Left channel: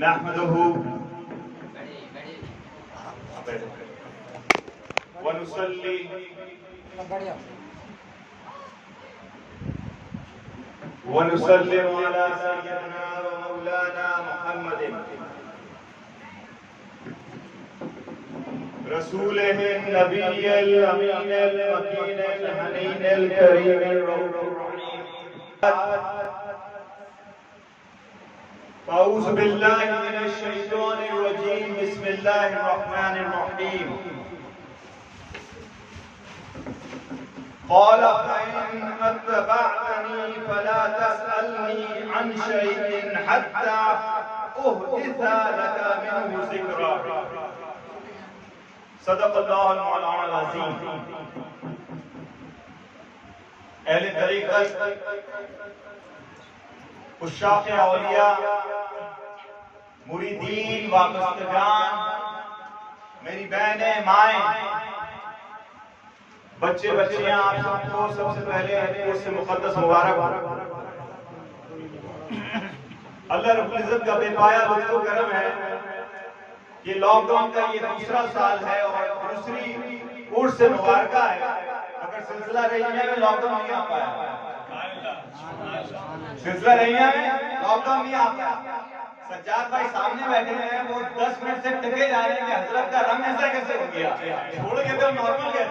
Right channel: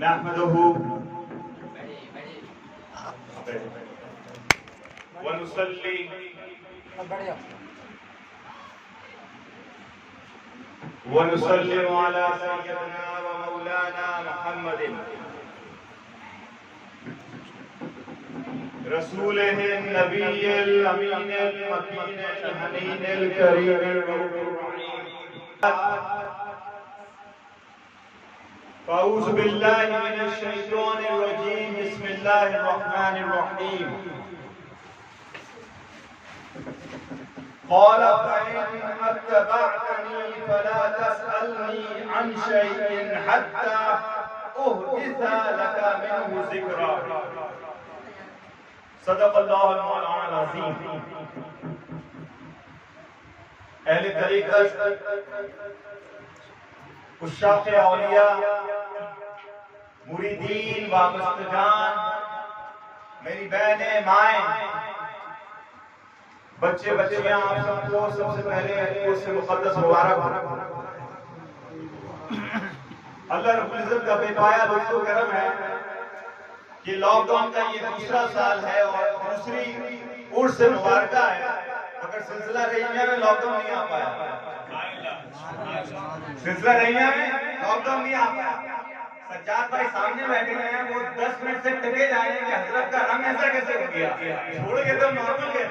नहमदुहु व नुसल्ली व नुसल्लिमु अला सय्यिदिना व मौलाना मुहम्मदिन रसूलिहि नबिय्यिल अमीनिल मकीनिल हनीनिल करीमिल रऊफ़िर अऊज़ु बिल्लाहि मिनश शैतानिर रजीम बिस्मिल्लाहिर रहमानिर रहीम क़ाल फ़इन अत्तबअतनी फ़ला तस्अलनी अन शैइन हत्ता उहदिस लक मिन्हु ज़िक्रा सदक़ल्लाहुल मौलानाल अज़ीम। अहले तरीक़त उश्शाक़ औलिया मुरीदीन वाबस्तगान मेरी बहनें माएँ बच्चे बच्चियां आप सबको सबसे पहले उससे मुक़द्दस मुबारक हो। अल्लाह रब्बुल इज़्ज़त का बेपाया लुत्फ़ व करम है कि लॉकडाउन का ये दूसरा साल है और दूसरी उर्स से मुबारका है, मगर सिलसिला रहीमिया में लॉकडाउन नहीं आ पाया। सिलसिला रहीमिया में लॉकडाउन नहीं आ पाया। सज्जाद भाई सामने बैठे हैं, वो 10 मिनट से टिके जा रहे हैं कि हजरत का रंग ऐसा कैसे हो गया, छोड़ के तो नॉर्मल है।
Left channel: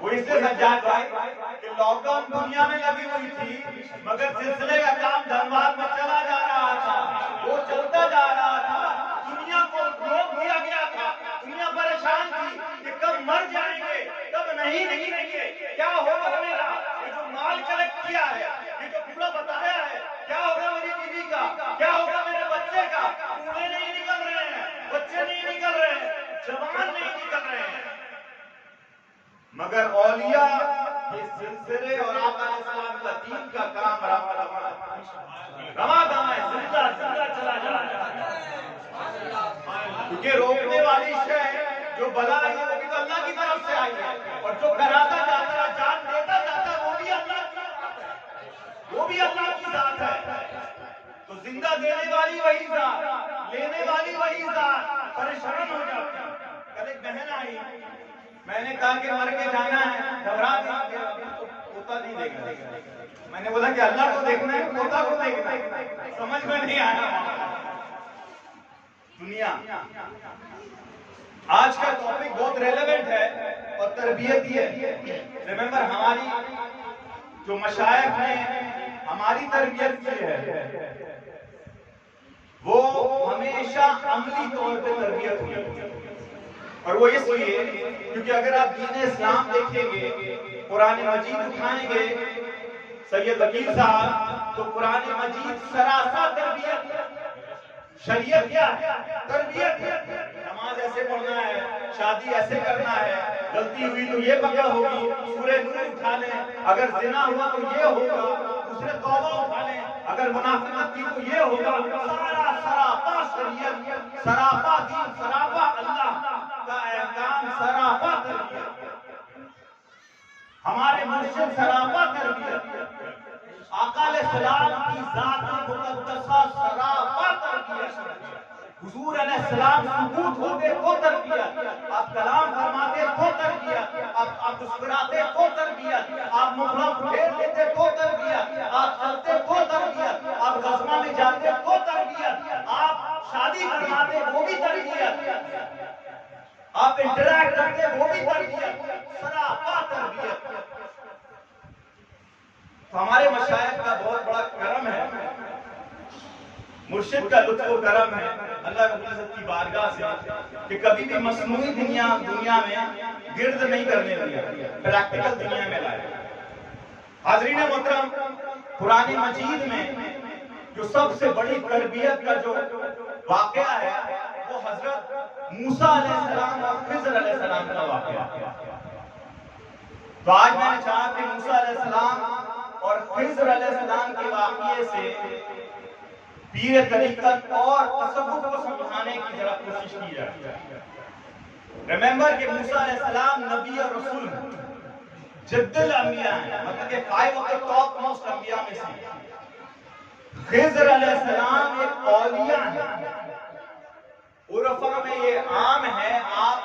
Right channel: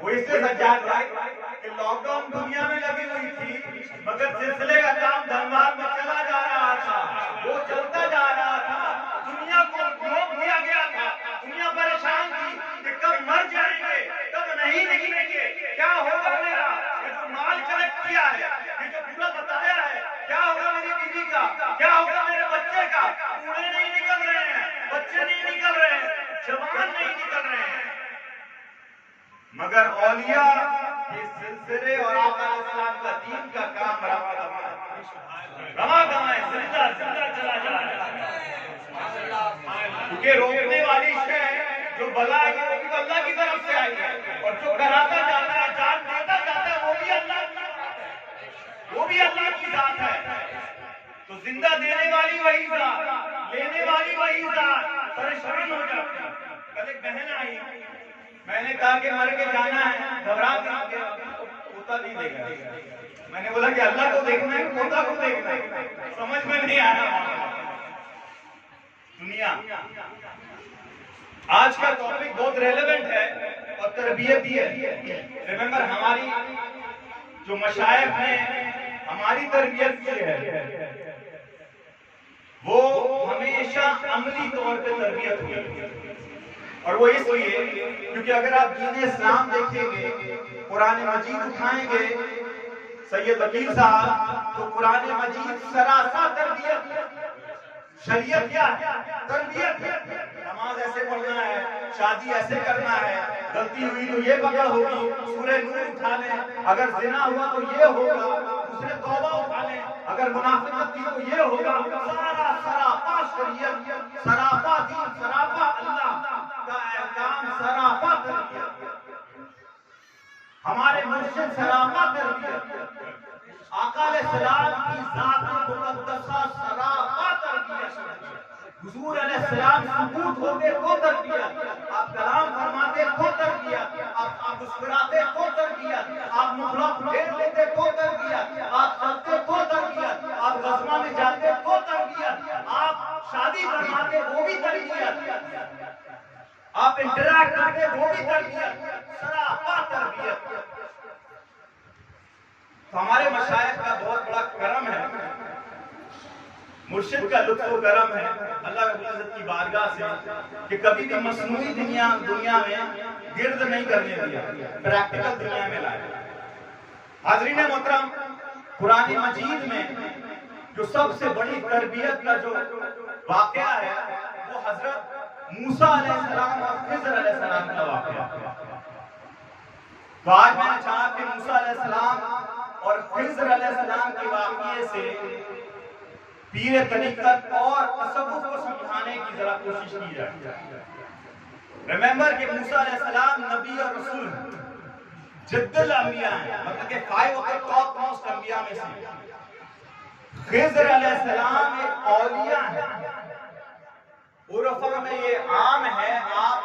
वो इसलिए सज्जाद भाई कि लॉकडाउन दुनिया में लगी हुई थी, मगर सिलसिले का काम धनबाद में चला जा रहा था, वो चलता जा रहा था। दुनिया को रोक दिया गया था, दुनिया परेशान थी कि कब मर जाएंगे, कब नहीं निकलेंगे, क्या होगा मेरा, ये जो माल कलेक्ट किया है, ये जो पूरा बताया है, क्या होगा मेरी बीवी का, क्या होगा मेरे बच्चे का। बूढ़े नहीं निकल रहे हैं, बच्चे नहीं निकल रहे हैं, जवान नहीं निकल रहे हैं, मगर औलिया के सिलसिले और आका अलैहिस्सलाम का दीन का काम रवा है, जिंदा जिंदा चला जा रहा है। क्योंकि रोकने वाली शय जो बला है वो भी अल्लाह की तरफ से आई है, और जो कराता जाता है, जान देता जाता है, वो भी अल्लाह की जात है। तो जिंदा देने वाली वही जात, लेने वाली वही जात, परेशान हो जाती है। कल एक बहन आई, मैंने कहा कि मर के जाना है, घबरा के पोता नहीं देगा। मैंने बोला कि अल्लाह को देखना है, पोता को देखना है, समझ में नहीं आया। दुनिया आज का टॉपिक बहुत रेलेवेंट है और तरबियत ही है। रिमेंबर, हमारी जो मशाइख हैं, हमारी तरबियत की है, वो हमेशा अमली तौर पे तरबियत हुई, और वो इसलिए क्योंकि अगर आप दीन इस्लाम देखेंगे, कुरान मजीद उठाएंगे, सैयद वकील साहब, तो कुरान मजीद सरासा तरबियत, शरीयत क्या है, तरबियत है। नमाज ऐसे पढ़ना है, शादी ऐसे करना है, गलती हुई तो ये पकड़ होगी, सूरह नूर उठा लें, अगर जिना हुआ तो ये होगा, दूसरे तौबा उठा लें, अगर मुनाफिकत की तो ये होगा। सारा सरापा शरीयत, सरापा दीन, सरापा अल्लाह का एहकाम, सरापा तरबियत। हमारे मुर्शिद सरापा तरबियत, आका अलैहिस्सलाम की जात मुक़द्दसा सरापा तरबियत। हुजूर अलैहिस्सलाम सुकूत होते तो तरबियत, आप कलाम फरमाते तो तरबियत, आप मुस्कुराते तो तरबियत, आप मुखड़ा फेर देते तो तरबियत, आप चलते तो तरबियत, आप गज़वा में जाते तो तरबियत, आप शादी फरमाते वो भी तरबियत, आप इंटरैक्ट करते वो भी तरबियत, सरापा तरबियत। तो हमारे मशाइख का बहुत बड़ा करम है, मुर्शिद का लुत्फ़ करम है अल्लाह की बारगाह से कि कभी भी मसनूई दुनिया में गिर्द नहीं करने दिया, प्रैक्टिकल दुनिया में लाया। हाज़रीन मोहतरम, कुरान मजीद में जो सबसे बड़ी तरबियत का जो वाक़या है वो हजरत मूसा अलैहिस्सलाम और खिज़र अलैहिस्सलाम का वाक़या है। तो आज मैंने चाहा कि मूसा अलैहिस्सलाम और खिज़र अलैहिस्सलाम के वाक़ये से पीर तरीक़त और तसव्वुफ़ को समझाने की जरा कोशिश की जाए। रिमेंबर कि मूसा अलैहिस्सलाम नबी और रसूल जिद्दुल अंबिया है, मतलब कि 5 ऑफ द टॉप मोस्ट अंबिया में से। खिज़र अलैहिस्सलाम एक औलिया है, उरफा में ये आम है, आप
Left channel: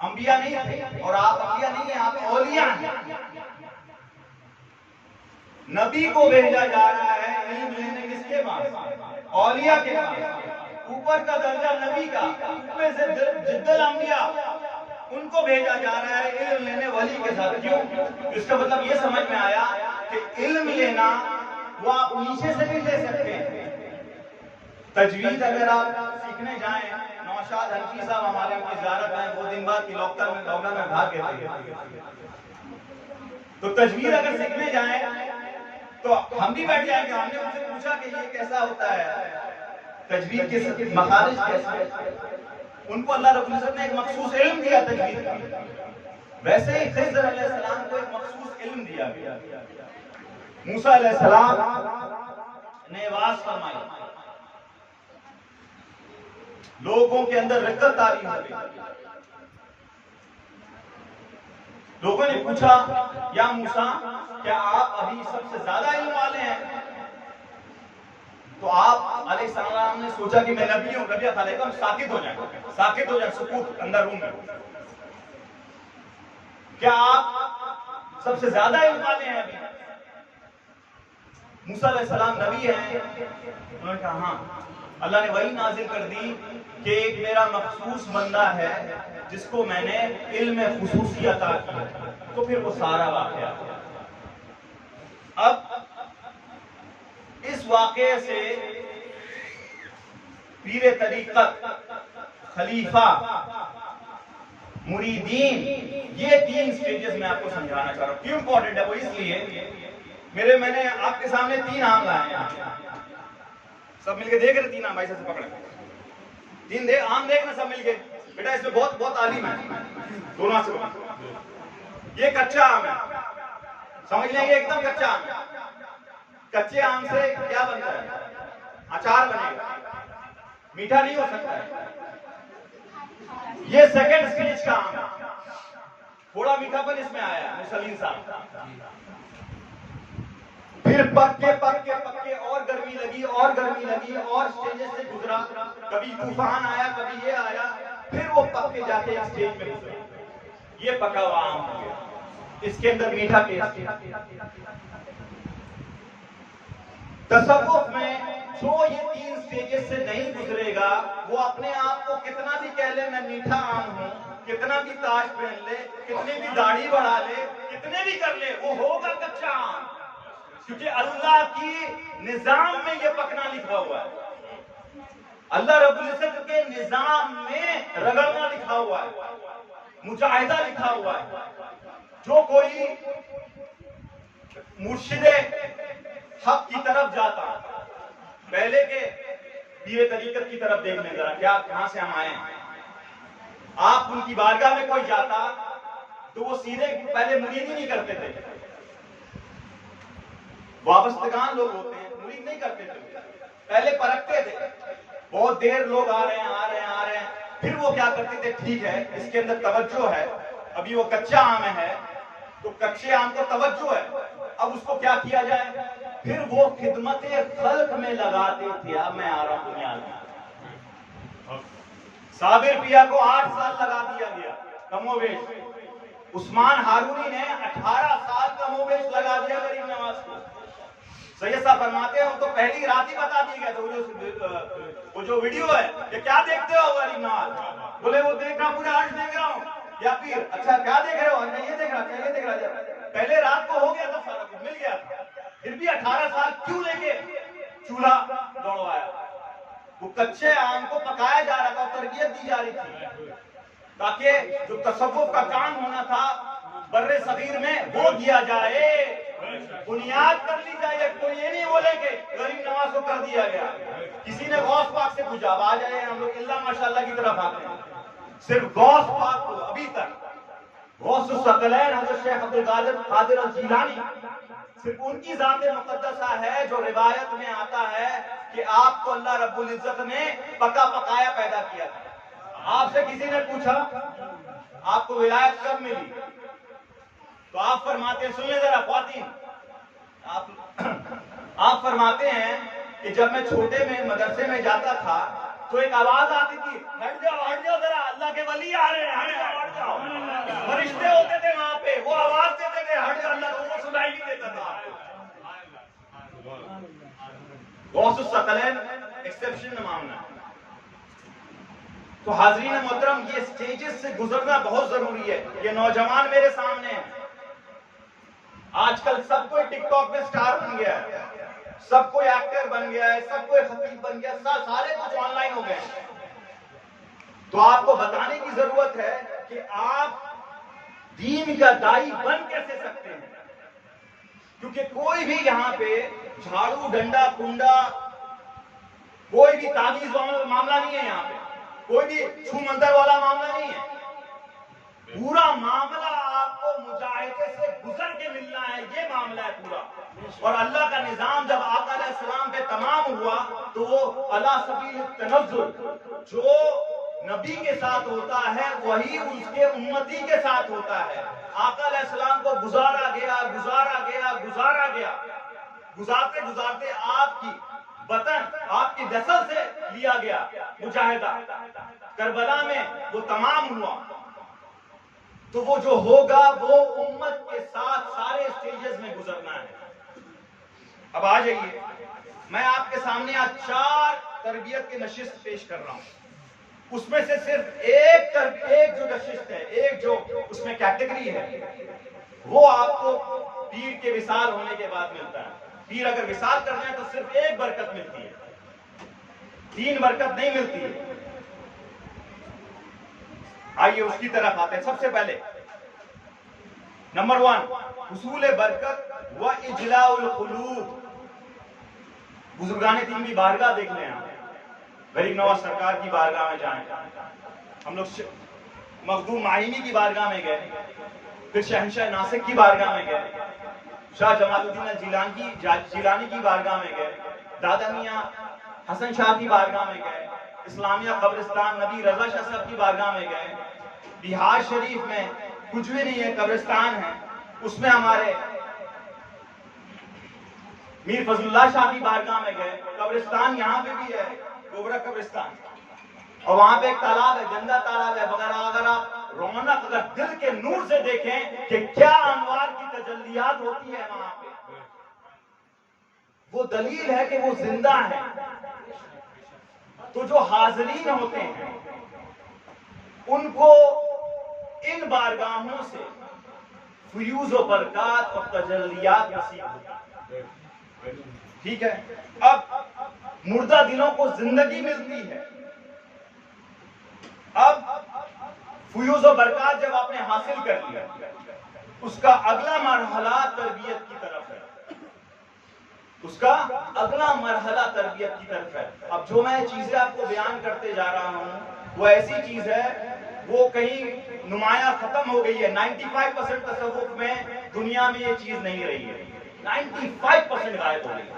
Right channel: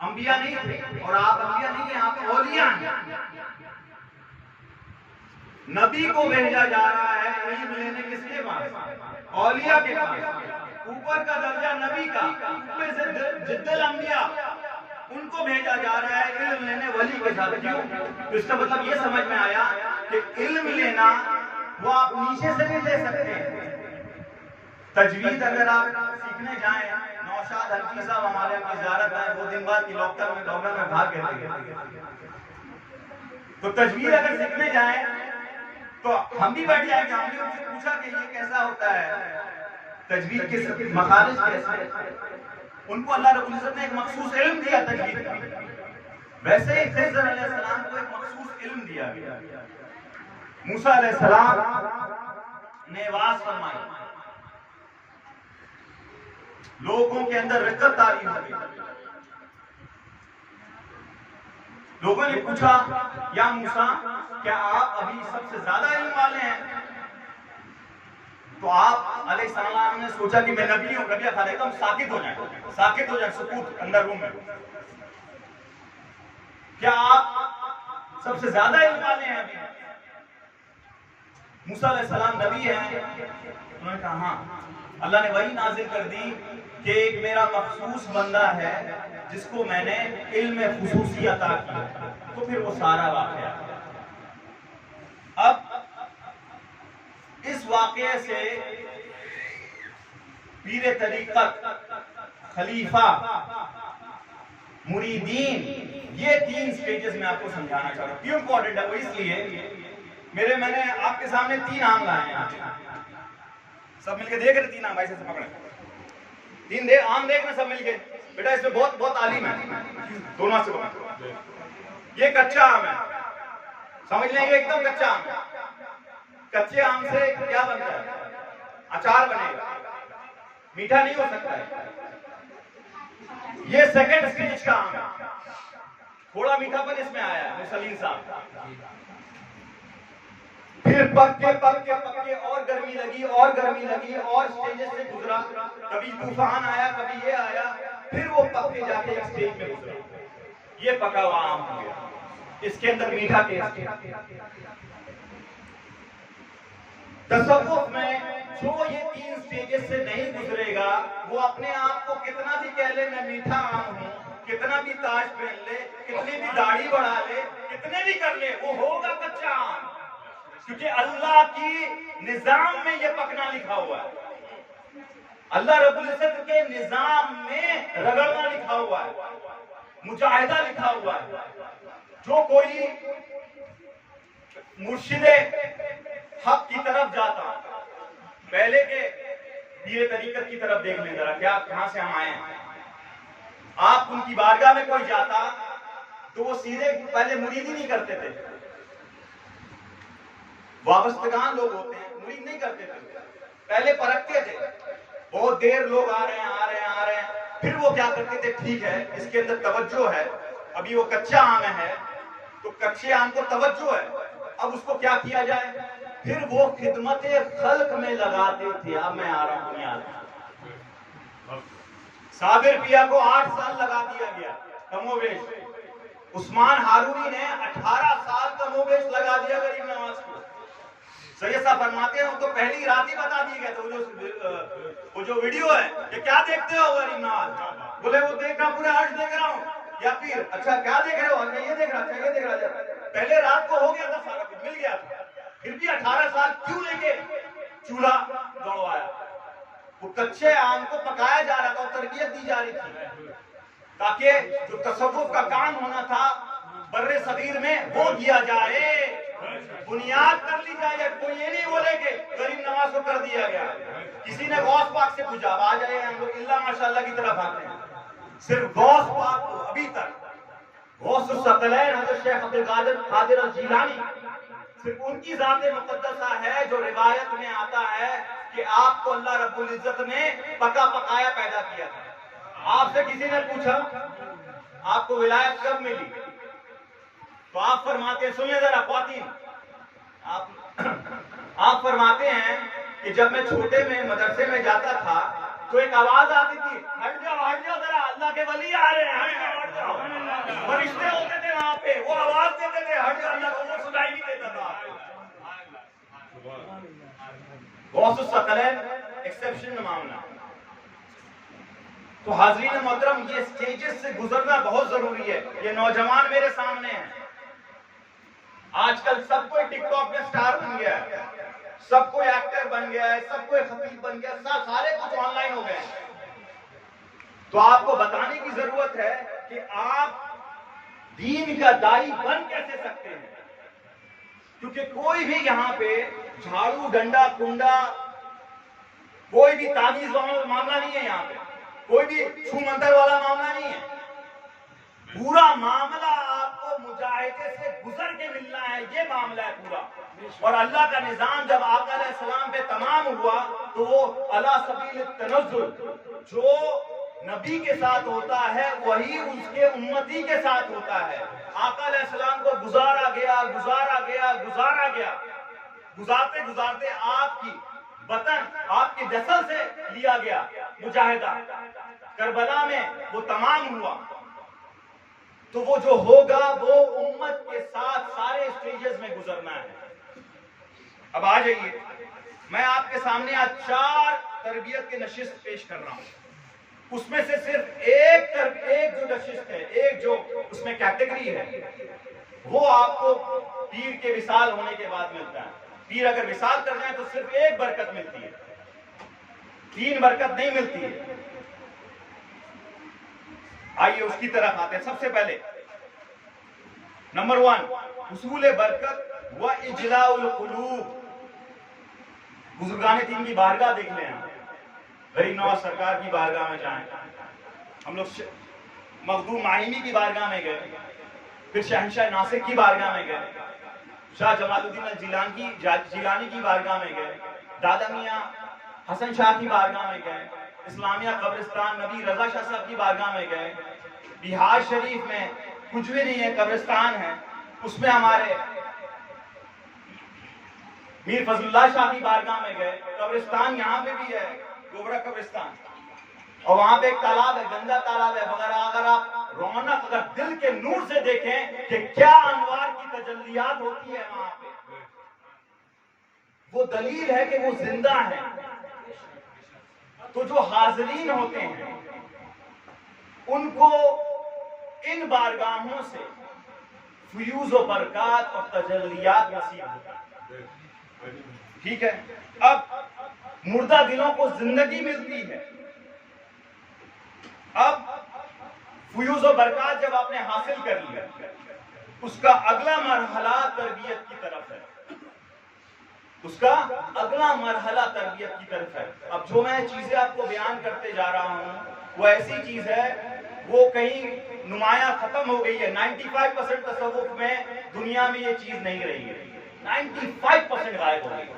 अंबिया नहीं थे और आप अंबिया नहीं है, आप औलिया हैं। नबी को भेजा जा रहा है इल्म लेने किसके पास? औलिया के पास। ऊपर का दर्जा नबी का, ऊपर से जिद्दल अंबिया, उनको भेजा जा रहा है इल्म लेने वली के साथ। क्यों? तो इसका मतलब ये समझ में आया कि इल्म लेना वो आप नीचे से भी ले सकते हैं। तजवीद अगर आप सीखने जाएं, नौशाद हनफी साहब हमारे यहाँ ज़ियारत आए, वो दिन बाद की लॉकडाउन में भाग गए। तो तजवीद अगर सीखने जाएं तो हम भी बैठ जाएंगे। हमने उनसे पूछा कि ये कैसा होता है, तजवीद के मखारिज कैसे। उनको अल्लाह रब्बुल इज्जत ने एक मखसूस इल्म दिया तजवीद का। वैसे ही खिज़र अलैहिस्सलाम को एक मखसूस इल्म दिया गया। मूसा अलैहिस्सलाम ने वाज फरमाई, लोगों के अंदर रिक्कत तारी हो गई। लोगों ने पूछा, या मूसा क्या आप अभी सबसे ज्यादा इल्म वाले हैं? तो आप अलैहिस्सलाम ने सोचा कि मैं नबी हूं, नबी खाले हम साकित हो जाए, सुकूत अंदर रूम में। क्या आप सबसे ज्यादा इल्म वाले हैं अभी? मूसा अलैहिस्सलाम नबी हैं? उन्होंने कहा हाँ। अल्लाह ने वही नाजिल कर दी कि एक मेरा मखसूस बंदा है जिसको मैंने इल्म खुसूसी अता किया। तो फिर वो सारा वाक़या। अब इस वाक़े से पीरे तरीक़त, खलीफा, मुरीदीन, ये 3 स्टेजेस में आपको समझाना चाह रहा हूं। क्यों इंपॉर्टेंट है वो? इसलिए मैंने आपके सामने 3 आम लाए हैं। सब मिलके देख रहे 3 आम, भाई से पकड़े 3 आम देखना सब मिलके। बेटा इसमें बहुत आलिम है, दोनों से पकड़। ये कच्चा आम है, समझ लें, ये एकदम कच्चा आम है। कच्चे आम से क्या बनता है? अचार बनेगा, मीठा नहीं हो सकता है। ये सेकंड स्टेज का आम है, थोड़ा मीठापन इसमें आया है मुसलीन साहब। फिर पक्के और गर्मी लगी और स्टेजेस से गुजरा। कभी तूफान आया, कभी ये आया, फिर वो पक्के जाके एक स्टेज में गुजरा। ये पका हुआ आम हो गया, इसके अंदर मीठा टेस्ट। तसव्वुफ में जो ये 3 स्टेजेस से नहीं गुजरेगा, वो अपने आप को कितना भी कह ले मैं मीठा आम हूं, कितना भी ताज पहन ले, कितनी भी दाढ़ी बढ़ा ले, कितने भी कर ले, वो होगा कच्चा आम। क्योंकि अल्लाह की निजाम में ये पकना लिखा हुआ है। अल्लाह रब्बुल इज्जत के निजाम में रगड़ना लिखा हुआ है, मुजाहिदा लिखा हुआ है। जो कोई मुर्शिदे हक की तरफ जाता, पहले के पीरे तरीकत की तरफ देख लें जरा, क्या कहां से हम आए हैं। आप उनकी बारगाह में कोई जाता तो वो सीधे पहले मुरीद ही नहीं करते थे। वाबस्तगान लोग होते हैं, मुरीद नहीं करते थे, पहले परखते थे। बहुत देर लोग आ रहे हैं, फिर वो क्या करते थे, ठीक है इसके अंदर तवज्जो है, अभी वो कच्चा आम है तो कच्चे आम को तवज्जो है, अब उसको क्या किया जाए। फिर वो खिदमते खल्क में लगाते थे। अब मैं आ रहा हूं दुनिया में। साबिर पिया को 8 साल लगा दिया गया कमोवेश। उस्मान हारूनी ने 18 साल कमोवेश लगा दिया गरीब नवाज को। सैयद साहब फरमाते हैं उनको पहली रात ही बता दिया गया था। वो जो वीडियो है, ये क्या देखते हो गरीब नवाज? बोले वो देख रहा, पूरे आज देख रहा हूँ। या फिर अच्छा क्या देख रहे हो? ये देख रहा। पहले रात को हो गया था, सारा कुछ मिल गया था, फिर भी 18 साल क्यों लेके चूल्हा दौड़वाया? वो कच्चे आम को पकाया जा रहा था, तरबियत दी जा रही थी, ताकि जो तसव्वुफ का काम होना था बर्रे सगीर में वो दिया जाए, बुनियाद कर ली जाए। कोई ये नहीं बोले कि गरीब नवाज को कर दिया गया। किसी ने गौस पाक से पूछा, आ जाए हम लोग इल्ला माशाअल्लाह की तरफ आते हैं, सिर्फ गौस पाक को अभी तक गौसुस सकलैन हज़रत शेख अब्दुल कादिर अल जीलानी, सिर्फ उनकी ज़ात मुक़द्दसा है जो रिवायत में आता है कि आपको अल्लाह रब्बुल इज्जत ने पका पकाया पैदा किया था। आपसे किसी ने पूछा आपको विलायत कब मिली, तो आप फरमाते हैं, सुनिए जरा ख्वातीन, आप फरमाते हैं कि जब मैं छोटे में मदरसे में जाता था तो एक आवाज आती थी, हट जाओ जरा, अल्लाह के वली आ रहे हैं, हट जाओ। फरिश्ते होते थे वहां पे, वो आवाज देते थे, हट जाओ, अल्लाह को सुनाई नहीं देता था। गौसुस सकलैन एक्सेप्शन मामला। तो हाजरीन मोहतरम, ये स्टेजेस से गुजरना बहुत जरूरी है। ये नौजवान मेरे सामने है, आजकल सब कोई टिकटॉक में स्टार बन गया है, सब कोई एक्टर बन गया है, सब कोई खतीब बन गया, सारे कुछ ऑनलाइन हो गए हैं। तो आपको बताने की जरूरत है कि आप दीन का दाई बन कैसे सकते हैं, क्योंकि कोई भी यहां पे झाड़ू डंडा कुंडा कोई भी ताबीज मामला नहीं है, यहां पे कोई भी छू मंतर वाला मामला नहीं है। पूरा मामला आपको मुजाहिदे से गुजर के मिलना है, ये मामला है पूरा। और अल्लाह का निजाम जब आका अलैहिस्सलाम पे तमाम हुआ तो वो अला सबील तनज़्ज़ुल, जो नबी के साथ होता है वही उसके उम्मती के साथ होता है। आका अलैहिस्सलाम को गुजारा गया, गुजारते गुजारते आपकी वतन, आपकी नस्ल से लिया गया मुजाहिदा, करबला में वो तमाम हुआ। तो वो जो होगा वो उम्मत के साथ सारे स्टेजेस में गुजरना है। अब आ जाइए, मैं आपके सामने आज 4 तरबियत के नशिस्त पेश कर रहा हूं। उसमें से सिर्फ एक जो नशिस्त है, एक जो उसमें कैटेगरी है, वो आपको पीर के विसाल होने के बाद मिलता है। पीर अगर विसाल करना है तो सिर्फ एक बरकत मिलती है, 3 बरकत नहीं मिलती है। आइए उसकी तरफ आते हैं। सबसे पहले नंबर 1, हुसूल बरकत व इजलाउल कुलूब। बुजुर्गाने दीन की बारगाह देख लें, गरीब नवाज सरकार की बारगाह में जाएं, हम लोग मखदूम माहिमी की बारगाह में गए, फिर शहंशाह नासिक की बारगाह में गए, शाह जमालुद्दीन जिलानी की बारगाह में गए, दादा मियां हसन शाह की बारगाह में गए, इस्लामिया कब्रिस्तान नबी रजा शाह साहब की बारगाह में गए, बिहार शरीफ में कुछ भी नहीं है, कब्रिस्तान है, उसमें हमारे मीर फजलुल्लाह शाह की बारगाह में गए, कब्रिस्तान यहाँ पे भी है, गोबरा कब्रिस्तान, और वहां पे एक तालाब है, गंदा तालाब है, मगर अगर आप रौनक अगर दिल के नूर से देखें कि क्या अनवार की तजल्लियात होती है वहां पे, वो दलील है कि वो जिंदा है। तो जो हाजरीन होते हैं उनको इन बारगाहों से फ्यूज व बरकत और तजल्लियात नसीब होती है। ठीक है, अब मुर्दा दिलों को जिंदगी मिलती है। अब फ्यूज व बरकत जब आपने हासिल कर लिया, उसका अगला मरहला तरबियत की तरफ है, उसका अगला मरहला तरबियत की तरफ है। अब जो मैं चीजें आपको बयान करते जा रहा हूं वो ऐसी चीज है, वो कहीं नुमाया खत्म हो गई है। 95% तसव्वुफ में दुनिया में ये चीज नहीं रही है, 95% गायब हो गई।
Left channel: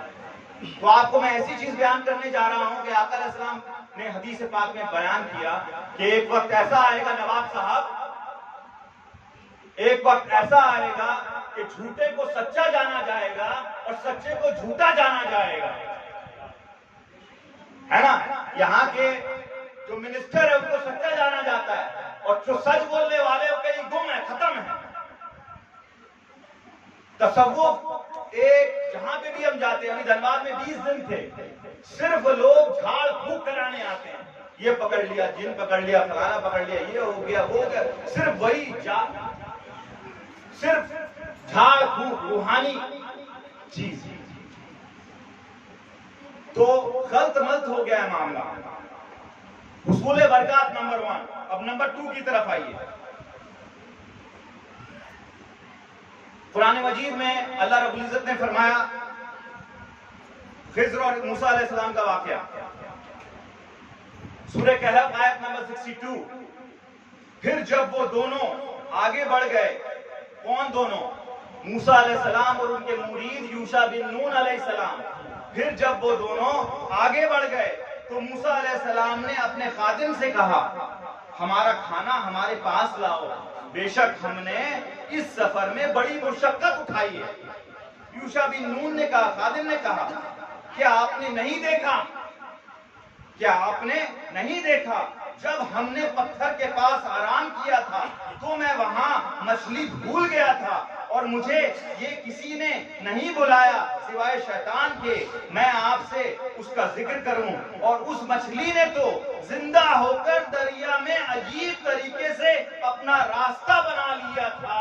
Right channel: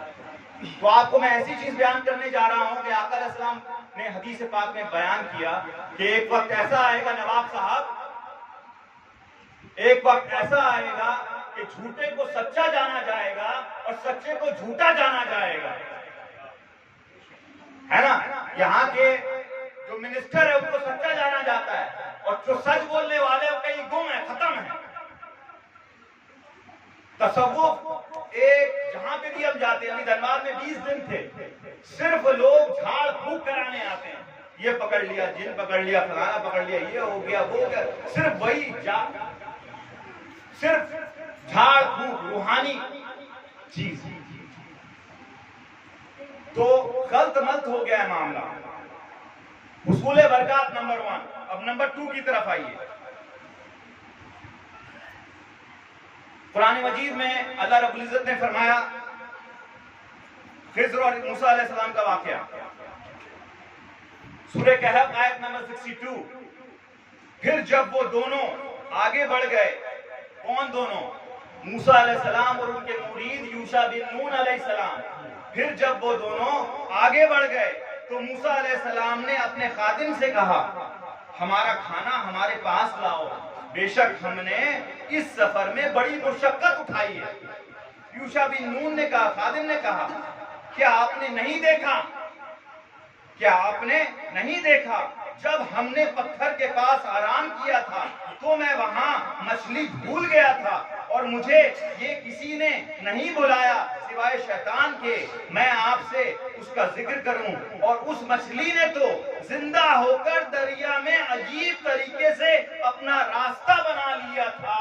तो आपको मैं ऐसी चीज बयान करने जा रहा हूं कि आका अलैहिस्सलाम ने हदीस पाक में बयान किया कि एक वक्त ऐसा आएगा नवाब साहब, एक वक्त ऐसा आएगा कि झूठे को सच्चा जाना जाएगा और सच्चे को झूठा जाना जाएगा, है ना। यहाँ के जो मिनिस्टर है उनको सच्चा जाना जाता है और जो सच बोलने वाले वो कहीं गुम है, खत्म है। तसव्वुफ एक जहां पे भी हम जाते हैं, अभी धनबाद में 20 दिन थे, सिर्फ लोग झाड़ फूक कराने आते हैं, ये पकड़ लिया, जिन पकड़ लिया, फलाना पकड़ लिया, ये हो गया, वो हो गया, सिर्फ वही सिर्फ झाड़ फूक रूहानी चीज। तो गलत मलत हो गया है मामला। हुसूल बरकत नंबर 1। अब नंबर 2 की तरफ आइए। कुरान मजीद में अल्लाह रब्बुल इज्जत ने फरमाया, खिज़्र और मूसा अलैहिस्सलाम का वाकया, सूरह कहफ आयत नंबर 62। फिर जब वो दोनों आगे बढ़ गए, कौन दोनों? मूसा अलैहिस्सलाम और उनके मुरीद यूशा बिन नून अलैहिस्सलाम। फिर जब वो दोनों आगे बढ़ गए तो मूसा अलैहिस्सलाम ने अपने खादिम से कहा, हमारा खाना हमारे पास लाओ, बेशक हमने इस सफर में बड़ी मुशक्कत उठाई है। यूशा बिन नून ने कहा, खादिम ने कहा, क्या आपने नहीं देखा क्या आपने नहीं देखा जब हमने पत्थर के पास आराम किया था तो मैं वहां मछली भूल गया था और मुझे ये किसी ने नहीं बुलाया सिवाय शैतान के मैं आपसे उसका जिक्र करूं। और उस मछली ने तो जिंदा होकर दरिया में अजीब तरीके से अपना रास्ता बना लिया था।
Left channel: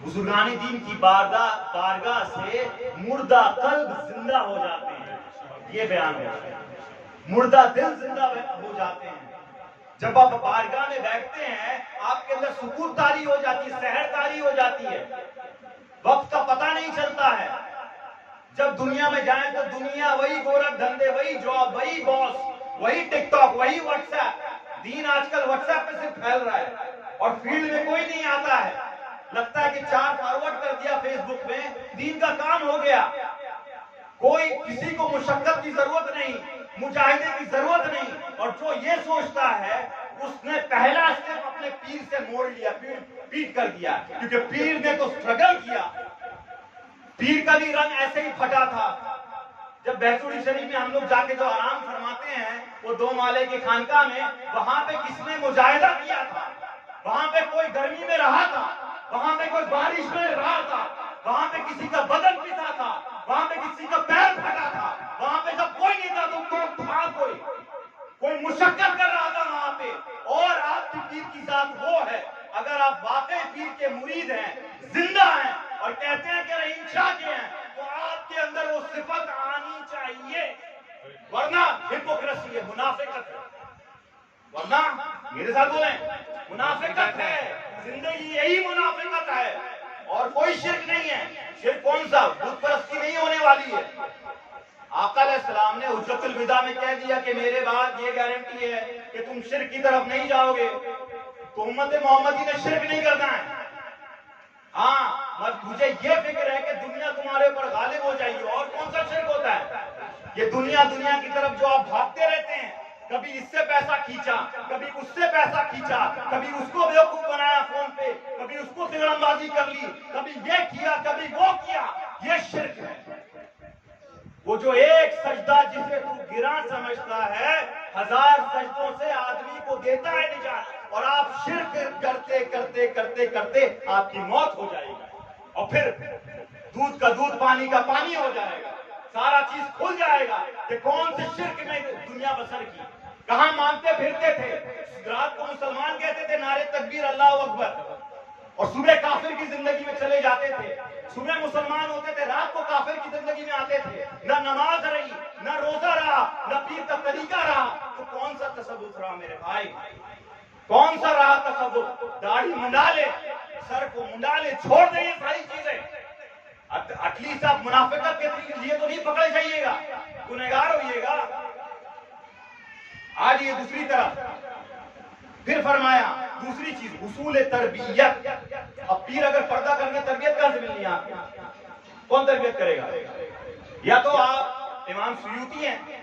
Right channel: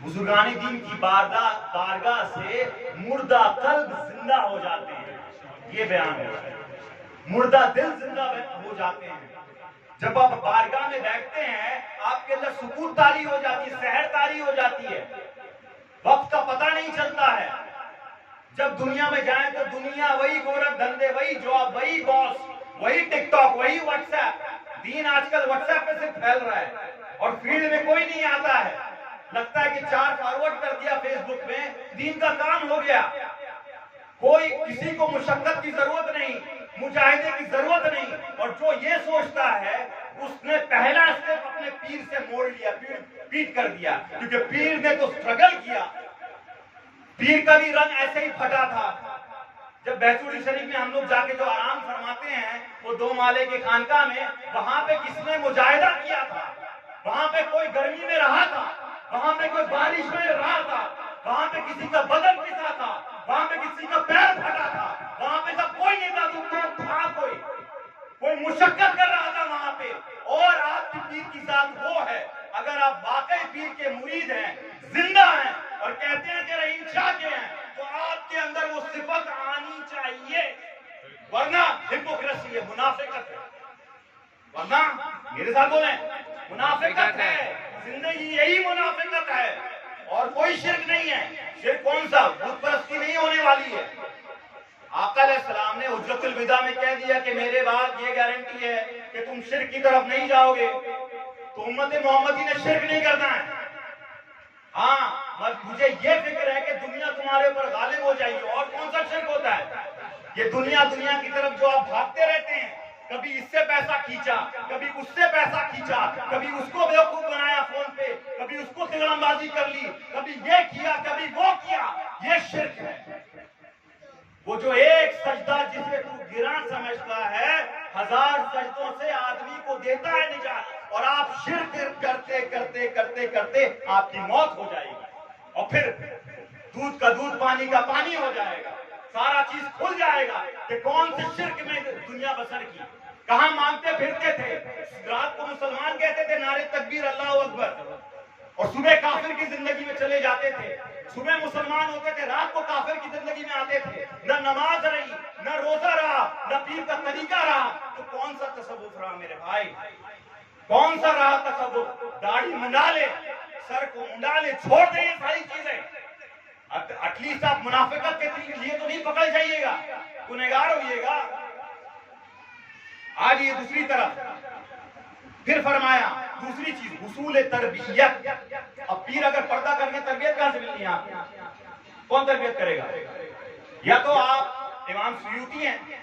बुजुर्गानी दीन की बारगाह से मुर्दा कल्ब जिंदा हो जाते हैं, ये बयान है। मुर्दा दिल जिंदा हो जाते हैं। जब आप बारगाह में बैठते हैं आपके अंदर सुकून तारी हो जाती है, सहर तारी हो जाती है, वक्त का पता नहीं चलता है। जब दुनिया में जाएं तो दुनिया वही गोरख धंधे, वही जॉब, वही बॉस, वही टिकटॉक, वही व्हाट्सएप। दीन आजकल व्हाट्सएप पे सिर्फ फैल रहा है और फील्ड में कोई नहीं आता है। लगता है कि 4 फॉरवर्ड कर दिया फेसबुक में, दीन का काम हो गया। कोई किसी को मुशक्कत की जरूरत नहीं, मुजाहिदे की जरूरत नहीं। और जो ये सोचता है उसने पहला स्टेप अपने पीर से मोड़ लिया, पीट कर दिया, क्योंकि पीर ने तो स्ट्रगल किया। पीर का भी रंग ऐसे ही फटा था। जब बैतूल शरीफ में हम लोग जाके जो आराम फरमाते हैं वो 2 माले की खानका में, वहां पे किसने मुजाहिदा किया था? वहां पे कोई गर्मी में रहा था, वहां पे कोई बारिश में रहा था, वहां पे किसी का बदन पिसा था, वहां पे किसी का पैर फटा था, वहां पे जब कोई नहीं था तो था कोई मुशक्कत कर रहा था वहां पे। और आपकी पीर की जात वो है, अगर आप वाकई पीर के मुरीद हैं, जिंदा हैं और कहते हैं कि रहीम शाह के हैं, तो आपके अंदर वो सिफत आनी चाहिए, वरना हिपोक्रेसी है, मुनाफिकत है। वरना मेरे साथ बोले मुनाफिकत है, जिंदगी यही मुनाफिकत है और कोई शिर्क नहीं है। शिर्क कौन सा? बुत परस्ती नहीं होने वाली है। आका अलैहिस्सलाम ने हुज्जतुल विदा में कह दिया कि मेरे बाद ये गारंटी है कि तुम शिर्क की तरफ नहीं जाओगे। तो उम्मत मोहम्मदी ने शिर्क नहीं करना है। हाँ, मुझे ये फिक्र है कि दुनिया तुम्हारे ऊपर गालिब हो जाएगी। और कौन सा शिर्क होता है? ये दुनिया की तरफ जो आप भागते रहते हैं, कभी इससे पैसा खींचा, कभी उससे पैसा खींचा, कभी उसको बेवकूफ बनाया फोन पे, कभी उसको तिगड़मबाजी कर ली, कभी ये किया, कभी वो किया, ये शिर्क है। वो जो एक सजदा जिसे तू गिरा समझता है, 1000 सजदों से आदमी को देता है निजात। और आप शिर्क करते करते करते करते आपकी मौत हो जाएगी और फिर दूध का दूध पानी का पानी हो जाएगा। सारा चीज खुल जाएगा कि कौन से शिर्क में दुनिया बसर की, कहां मांगते फिरते थे। रात को मुसलमान कहते थे नारे तकबीर अल्लाह अकबर, और सुबह काफिर की जिंदगी में चले जाते थे। सुबह मुसलमान होते थे, रात को काफिर की जिंदगी में आते थे। न नमाज रही, न रोजा रहा, न पीर का तरीका रहा। तो कौन सा तसव्वुफ रहा मेरे भाई? कौन सा रहा तसव्वुफ? दाढ़ी मुंडा ले, सर को मुंडा ले, छोड़ दे ये सारी चीजें। एटलीस्ट आप मुनाफिकत के लिए तो नहीं पकड़ जाइएगा, गुनहगार होइएगा। आज ये दूसरी तरफ फिर फरमाया दूसरी चीज हुसूल तरबियत। अब पीर अगर पर्दा करके तरबियत कहां से मिलनी है आपको? कौन तरबियत करेगा? या तो आप इमाम सुयूती हैं,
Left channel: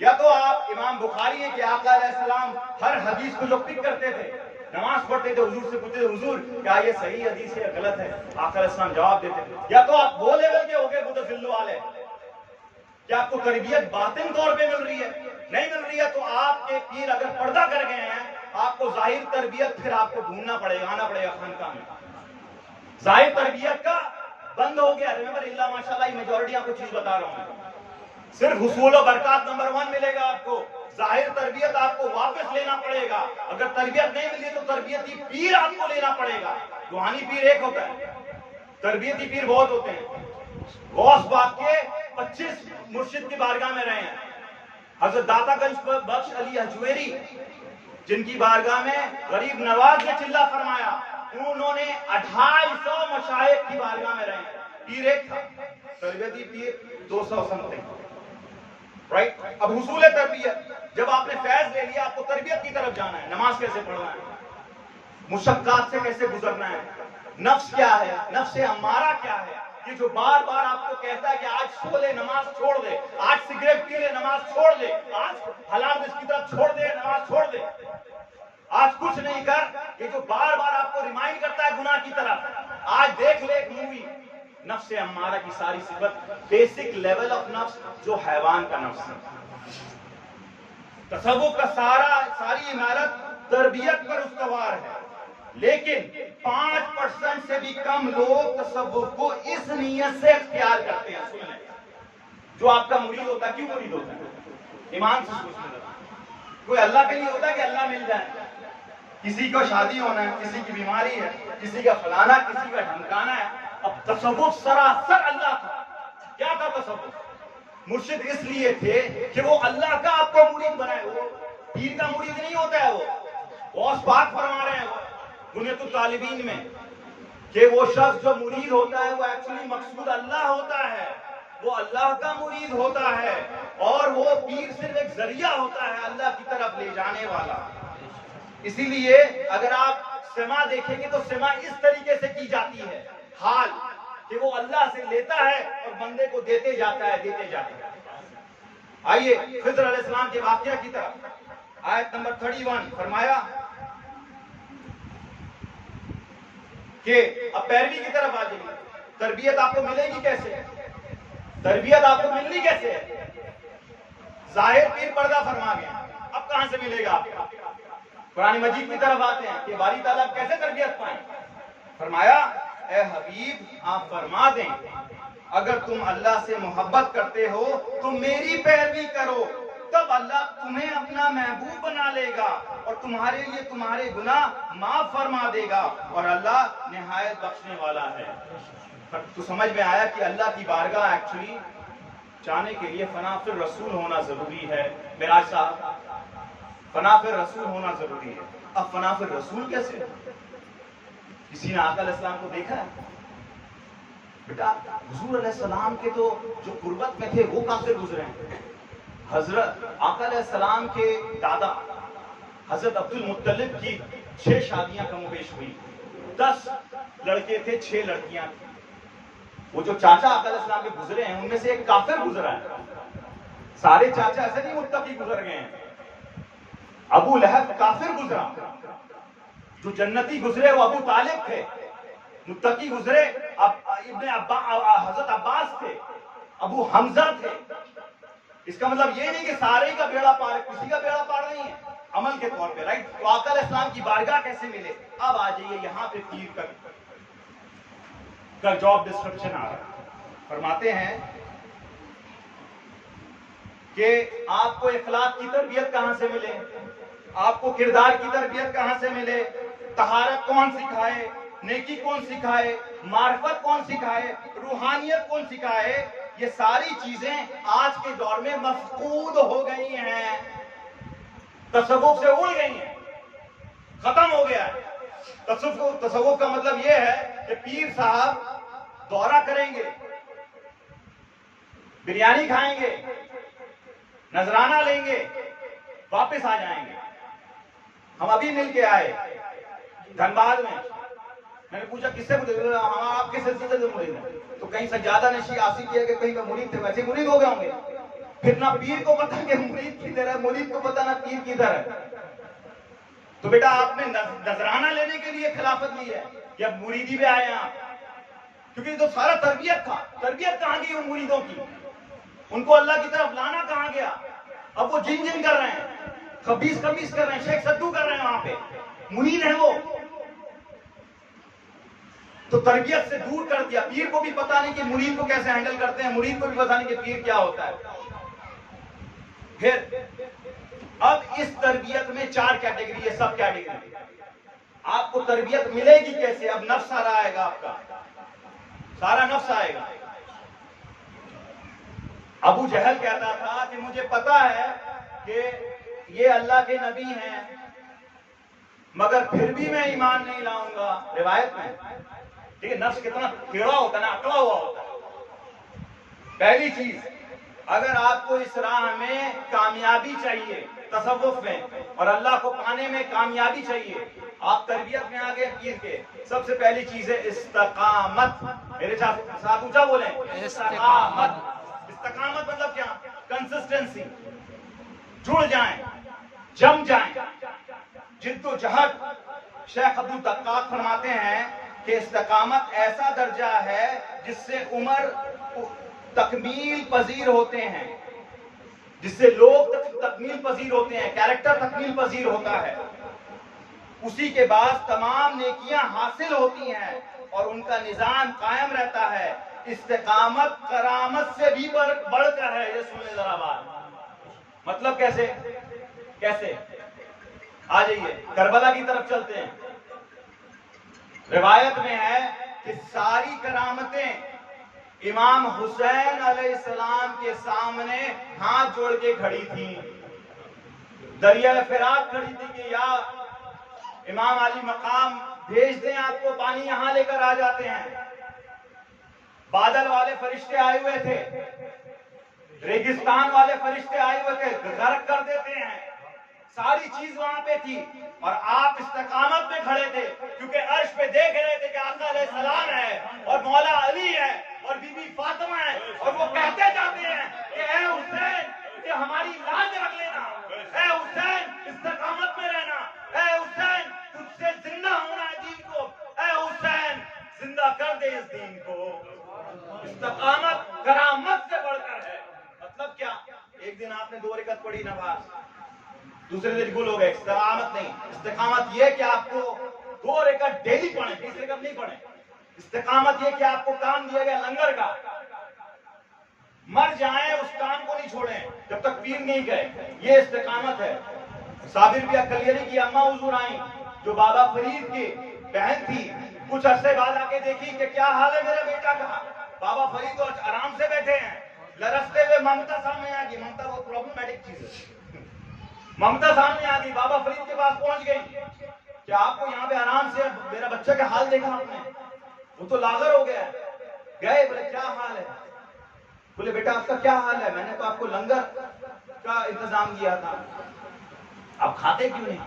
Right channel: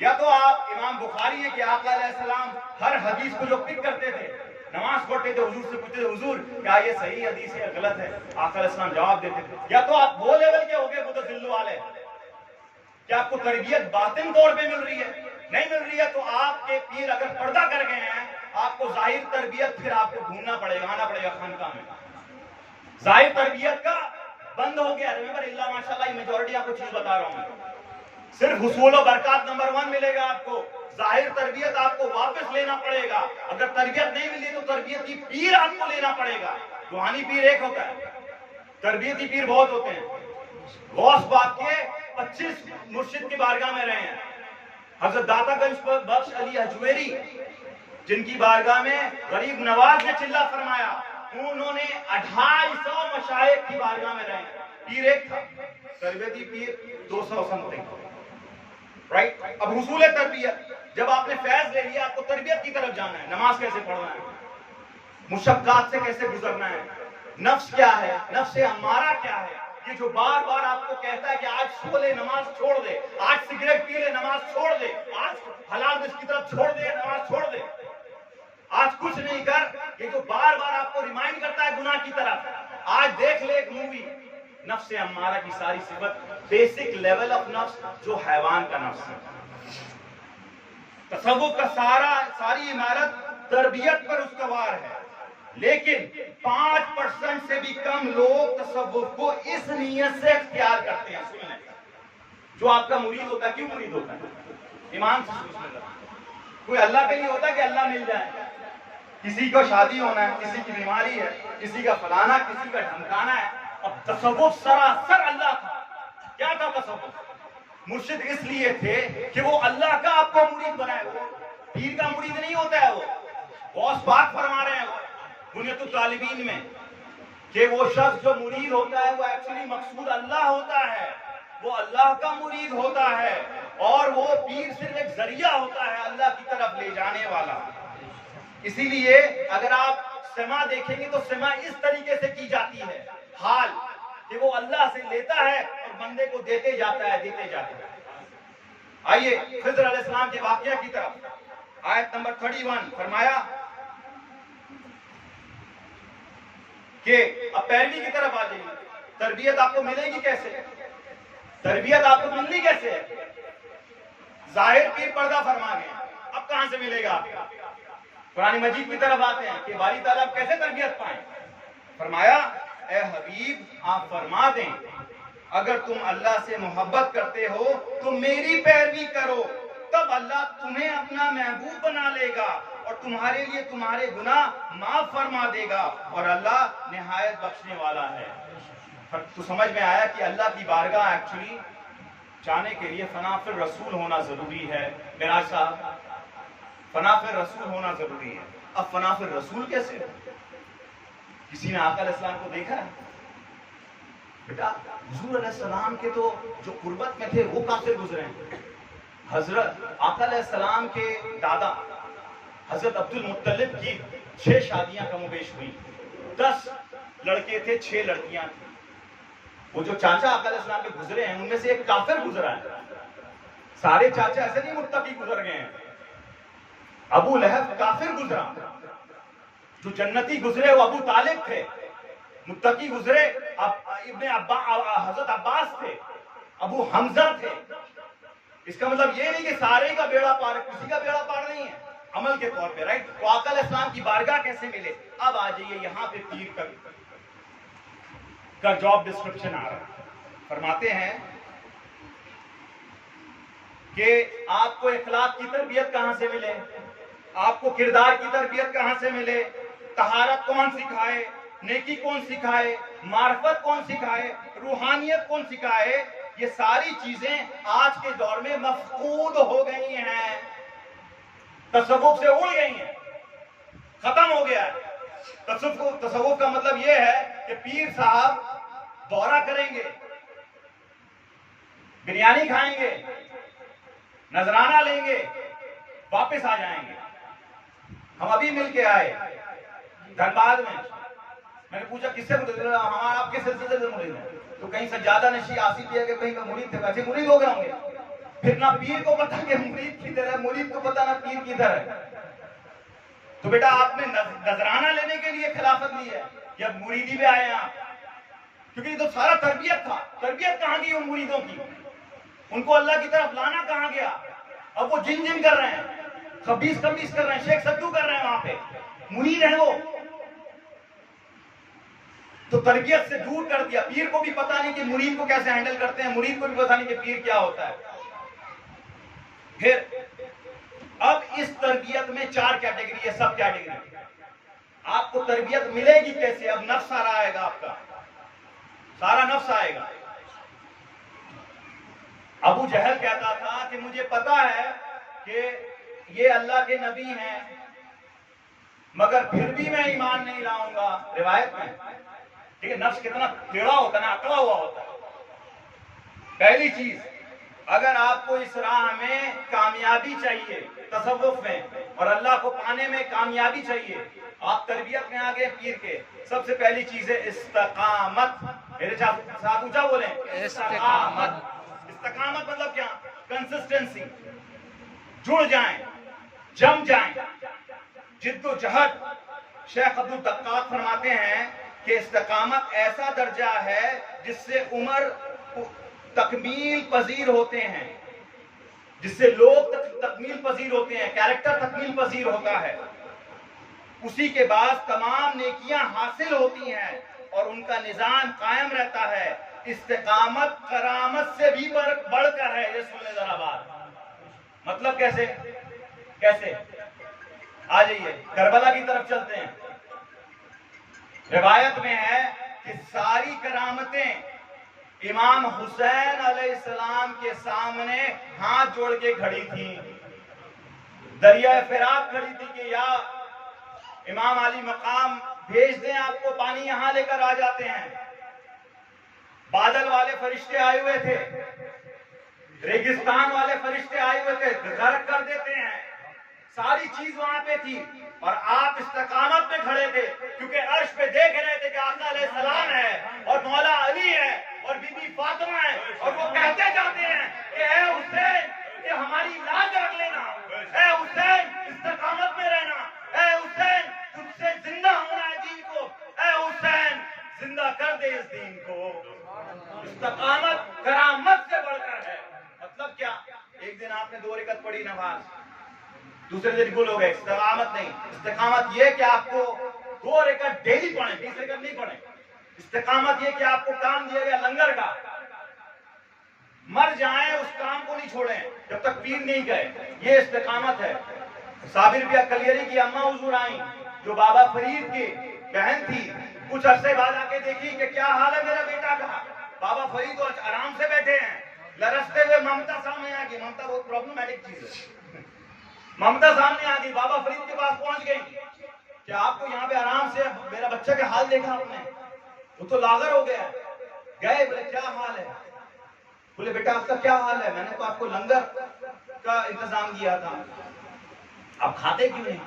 या तो आप इमाम बुखारी हैं कि आका अलैहिस्सलाम हर हदीस को जो पिक करते थे, नमाज पढ़ते थे, हुजूर से पूछते थे हुजूर क्या ये सही हदीस है गलत है, आका अलैहिस्सलाम जवाब देते थे। या तो आप वो लेवल के हो गए मुतज़िल्लो वाले कि आपको तरबियत बातिन तौर पे मिल रही है, नहीं मिल रही है तो आपके पीर अगर पर्दा कर गए हैं, आपको जाहिर तरबियत फिर आपको ढूंढना पड़ेगा, आना पड़ेगा खानकाह में। जाहिर तरबियत का बंद हो गया। रिमेंबर इल्ला माशाअल्लाह, मेजॉरिटी आपको चीज बता रहा हूं, सिर्फ हुसूल और बरकत नंबर 1 मिलेगा आपको। जाहिर तरबियत आपको वापस लेना पड़ेगा। अगर तरबियत नहीं मिली तो तरबियती पीर आपको लेना पड़ेगा। रूहानी पीर एक होता है, तरबियती पीर बहुत होते हैं। गौस बाग के 25 मुर्शिद की बारगाह में रहे हैं। हजरत दातागंज बख्श अली हजवेरी जिनकी बारगाह में गरीब नवाज ने चिल्ला फरमाया, उन्होंने 250 मशाइख की बारगाह में रहे। पीर एक था, तरबियती पीर 200 समथिंग, राइट। अब हुसूल तरबियत, जब आपने फैज ले लिया, आपको तरबियत की तरफ जाना है। नमाज कैसे पढ़ना है, मुशक्कात से कैसे गुजरना है, नफ्स क्या है, नफ्स अम्मारा क्या है, ये जो बार बार आपको कहता है कि आज सो ले नमाज छोड़ दे, आज सिगरेट पी ले नमाज छोड़ दे, आज हलाल रिज़्क की तरफ छोड़ दे नमाज छोड़ दे, आज कुछ नहीं कर, ये जो बार बार आपको रिमाइंड करता है गुनाह की तरफ। आज देख ले एक मूवी, नफ्स अम्मारा की सारी सिफत बेसिक लेवल ऑफ नफ्स जो हैवान का नफ्स है। तसव्वुफ का सारी इमारत तरबियत पर उसवार है, लेकिन 5% से भी कम लोग तसव्वुफ को इस नीयत से इख्तियार करते हैं। सुन लें, जो आपका मुरीद होता है, क्यों मुरीद होता है? ईमान से सोचने लगा। कोई अल्लाह के लिए होता है कि अल्लाह मिल जाए। किसी को शादी होना है, किसी की बीमारी है, किसी का फलाना, किसी का ढमकाना है। अब तसव्वुफ सरासर अल्लाह था। क्या था तसव्वुफ? मुर्शिद इसलिए थे कि वो अल्लाह का आपको मुरीद बनाए। वो पीर का मुरीद नहीं होता है। वो गौस पाक फरमा रहे हैं बुनियतुल तालिबीन में कि वो शख्स जो मुरीद होता है वो एक्चुअली मकसूद अल्लाह होता है, वो अल्लाह का मुरीद होता है, और वो पीर सिर्फ एक जरिया होता है अल्लाह की तरफ ले जाने वाला। इसीलिए अगर आप समा देखेंगे तो समा इस तरीके से की जाती है, हाल कि वो अल्लाह से लेता है और बंदे को देते जाता है, देते जाता है। आइए खिज़र अलैहिस्सलाम के वाक़या की तरफ, आयत नंबर 31 फरमाया कि अब पैरवी की तरफ आ जाइए। तरबियत आपको मिलेगी कैसे? तरबियत आपको मिलनी कैसे? जाहिर पीर पर्दा फरमा गए, अब कहां से मिलेगा आपको? कुरान मजीद की तरफ आते हैं कि बारी ताला कैसे तरबियत पाएं। फरमाया, ए हबीब आप फरमा दें, अगर तुम अल्लाह से मोहब्बत करते हो तो मेरी पैरवी करो, तब अल्लाह तुम्हें अपना महबूब बना लेगा और तुम्हारे लिए तुम्हारे गुनाह माफ फरमा देगा, और अल्लाह निहायत बख्शने वाला है। तो समझ में आया कि अल्लाह की बारगाह एक्चुअली जाने के लिए फना फिर रसूल होना जरूरी है। मिराज साहब, फना फिर रसूल होना जरूरी है। अब फना फिर रसूल कैसे? किसी ने आका अलैहिस्सलाम को देखा है? बेटा हुजूर अलैहिस्सलाम के तो जो कुर्बत में थे वो काफिर गुजरे हैं। हजरत आका अलैहिस्सलाम के दादा हजरत अब्दुल मुत्तलिब की 6 शादियां कमोबेश हुई। 10 लड़के थे, 6 लड़कियां थी। वो जो चाचा आका अलैहिस्सलाम के गुजरे हैं उनमें से एक काफिर गुजरा है। सारे चाचा ऐसे नहीं मुत्तकी गुजर गए हैं। अबू लहब काफिर गुजरा, जो जन्नती गुजरे वो अबू तालिब थे। मुत्तकी गुजरे इब्ने हजरत अब्बास थे, अबू हमजा थे। इसका मतलब ये नहीं कि सारे का बेड़ा पार है, किसी का बेड़ा पार नहीं है अमल के तौर पे, राइट? तो आका अलैहिस्सलाम की बारगाह कैसे मिले? अब आ जाइए यहां पे पीर का जॉब डिस्क्रिप्शन आ रहा है। फरमाते हैं कि आपको इखलाक की तरबियत कहां से मिले, आपको किरदार की तरबियत कहां से मिले, तहारत कौन सिखाए, नेकी कौन सिखाए, मार्फत कौन सिखाए, रूहानियत कौन सिखाए, ये सारी चीजें आज के दौर में मफकूद हो गई हैं, तसव्वुफ से उड़ गई हैं, खत्म हो गया है। तसव्वुफ का मतलब यह है कि पीर साहब दौरा करेंगे, बिरयानी खाएंगे, नजराना लेंगे, वापस आ जाएंगे। हम अभी मिल के आए धनबाद में, मैंने पूछा किससे मुरीद? हमारा आपके सिलसिले से मुरीद है। तो कहीं सज्जादा नशी आसिफ लिया कि कहीं का मुरीद थे, वैसे मुरीद हो गए होंगे। फिर ना पीर को पता कि मुरीद किधर है, मुरीद को पता ना पीर किधर है। तो बेटा आपने नजराना लेने के लिए खिलाफत ली है या मुरीदी में आए हैं आप? क्योंकि तो सारा तरबियत था। तरबियत कहां गई उन मुरीदों की? उनको अल्लाह की तरफ लाना कहां गया? अब वो जिन जिन कर रहे हैं, खबीस खबीस कर रहे हैं, शेख सद्दू कर रहे हैं, वहां पे मुरीद है वो। तो तरबियत से दूर कर दिया। पीर को भी पता नहीं कि मुरीद को कैसे हैंडल करते हैं, मुरीद को भी पता नहीं कि पीर क्या होता है। फिर अब इस तरबियत में 4 कैटेगरी है, सब कैटेगरी। आपको तरबियत मिलेगी कैसे? अब नफ्स सारा आएगा, आपका सारा नफ्स आएगा। अबू जहल कहता था कि मुझे पता है कि ये अल्लाह के नबी हैं, मगर फिर भी मैं ईमान नहीं लाऊंगा। रिवायत में ठीक है, नफ्स कितना टेढ़ा होता है ना, अकड़ा हुआ होता है। पहली चीज, अगर आपको इस राह में कामयाबी चाहिए तसव्वुफ में और अल्लाह को पाने में कामयाबी चाहिए, आप तरबियत में आ गए पीर के, सबसे पहली चीज है इस्तकामत। मेरे साथ ऊंचा बोले, इस्तकामत। इस्तकामत मतलब क्या? कंसिस्टेंसी, जुड़ जाएं, जम जाएं, जिद्दोजहद। शेख अब्दुल दक्काक फरमाते हैं कि इस्तिकामत ऐसा दर्जा है जिससे उम्र तकमील पजीर होते हैं, जिससे लोग तकमील पजीर होते हैं, कैरेक्टर तकमील पजीर होता है, उसी के बाद तमाम नेकियां हासिल होती हैं और उनका निजाम कायम रहता है। इस्तिकामत करामत से भी बढ़कर है। ये सुन ले जरा बात, मतलब कैसे कैसे? आ जाइए करबला की तरफ चलते हैं। रिवायत में है कि सारी करामतें इमाम हुसैन अलैहिस्सलाम के सामने हाथ जोड़ के खड़ी थी, दरिया फिराक खड़ी थी कि या इमाम अली मकाम भेज दें आपको, पानी यहां लेकर आ जाते हैं। बादल वाले फरिश्ते आए हुए थे, रेगिस्तान वाले फरिश्ते आए हुए थे, गर्क कर देते हैं। सारी चीज वहां पे थी और आप इस्तिकामत पे खड़े थे, क्योंकि अर्श पे देख रहे थे कि आका अलैहिस्सलाम है और मौला अली है और बीबी फातिमा है, और वो कहते जाते हैं कि ए हुसैन, ये हमारी लाज रख लेना, ए हुसैन इस्तिकामत में रहना, ए हुसैन तुझसे जिंदा होना है दीन को, ए हुसैन जिंदा कर दे इस दीन को। इस्तिकामत करामत से बढ़कर है। मतलब क्या? एक दिन आपने 2 रकात पढ़ी नमाज, दूसरे दिन गुल हो गए। इस्तिकामत नहीं। इस्तिकामत ये कि आपको 2 रकात डेली पढ़े, 20 रकात नहीं पढ़े। इस्तिकामत ये कि आपको काम दिया गया लंगर का, मर जाएं उस काम को नहीं छोड़ें जब तक पीर नहीं गए। ये इस्तिकामत है। साबिर बिया कलियरी की अम्मा हुजूर आई, जो बाबा फरीद की बहन थी, कुछ अरसे बाद आके देखी कि क्या हाल है मेरा बेटा का। बाबा फरीद तो आराम से बैठे हैं, लरसते हुए ममता सामने आ गई। ममता बहुत प्रॉब्लमेटिक चीज है। ममता सामने आ गई, बाबा फरीद के पास पहुंच गई कि आपको यहाँ पे आराम से मेरा बच्चा का हाल देखा आपने? वो तो लागर हो गया। गए, बोले क्या हाल है? बोले बेटा आपका क्या हाल है? मैंने तो आपको लंगर का इंतजाम किया था, आप खाते क्यों नहीं?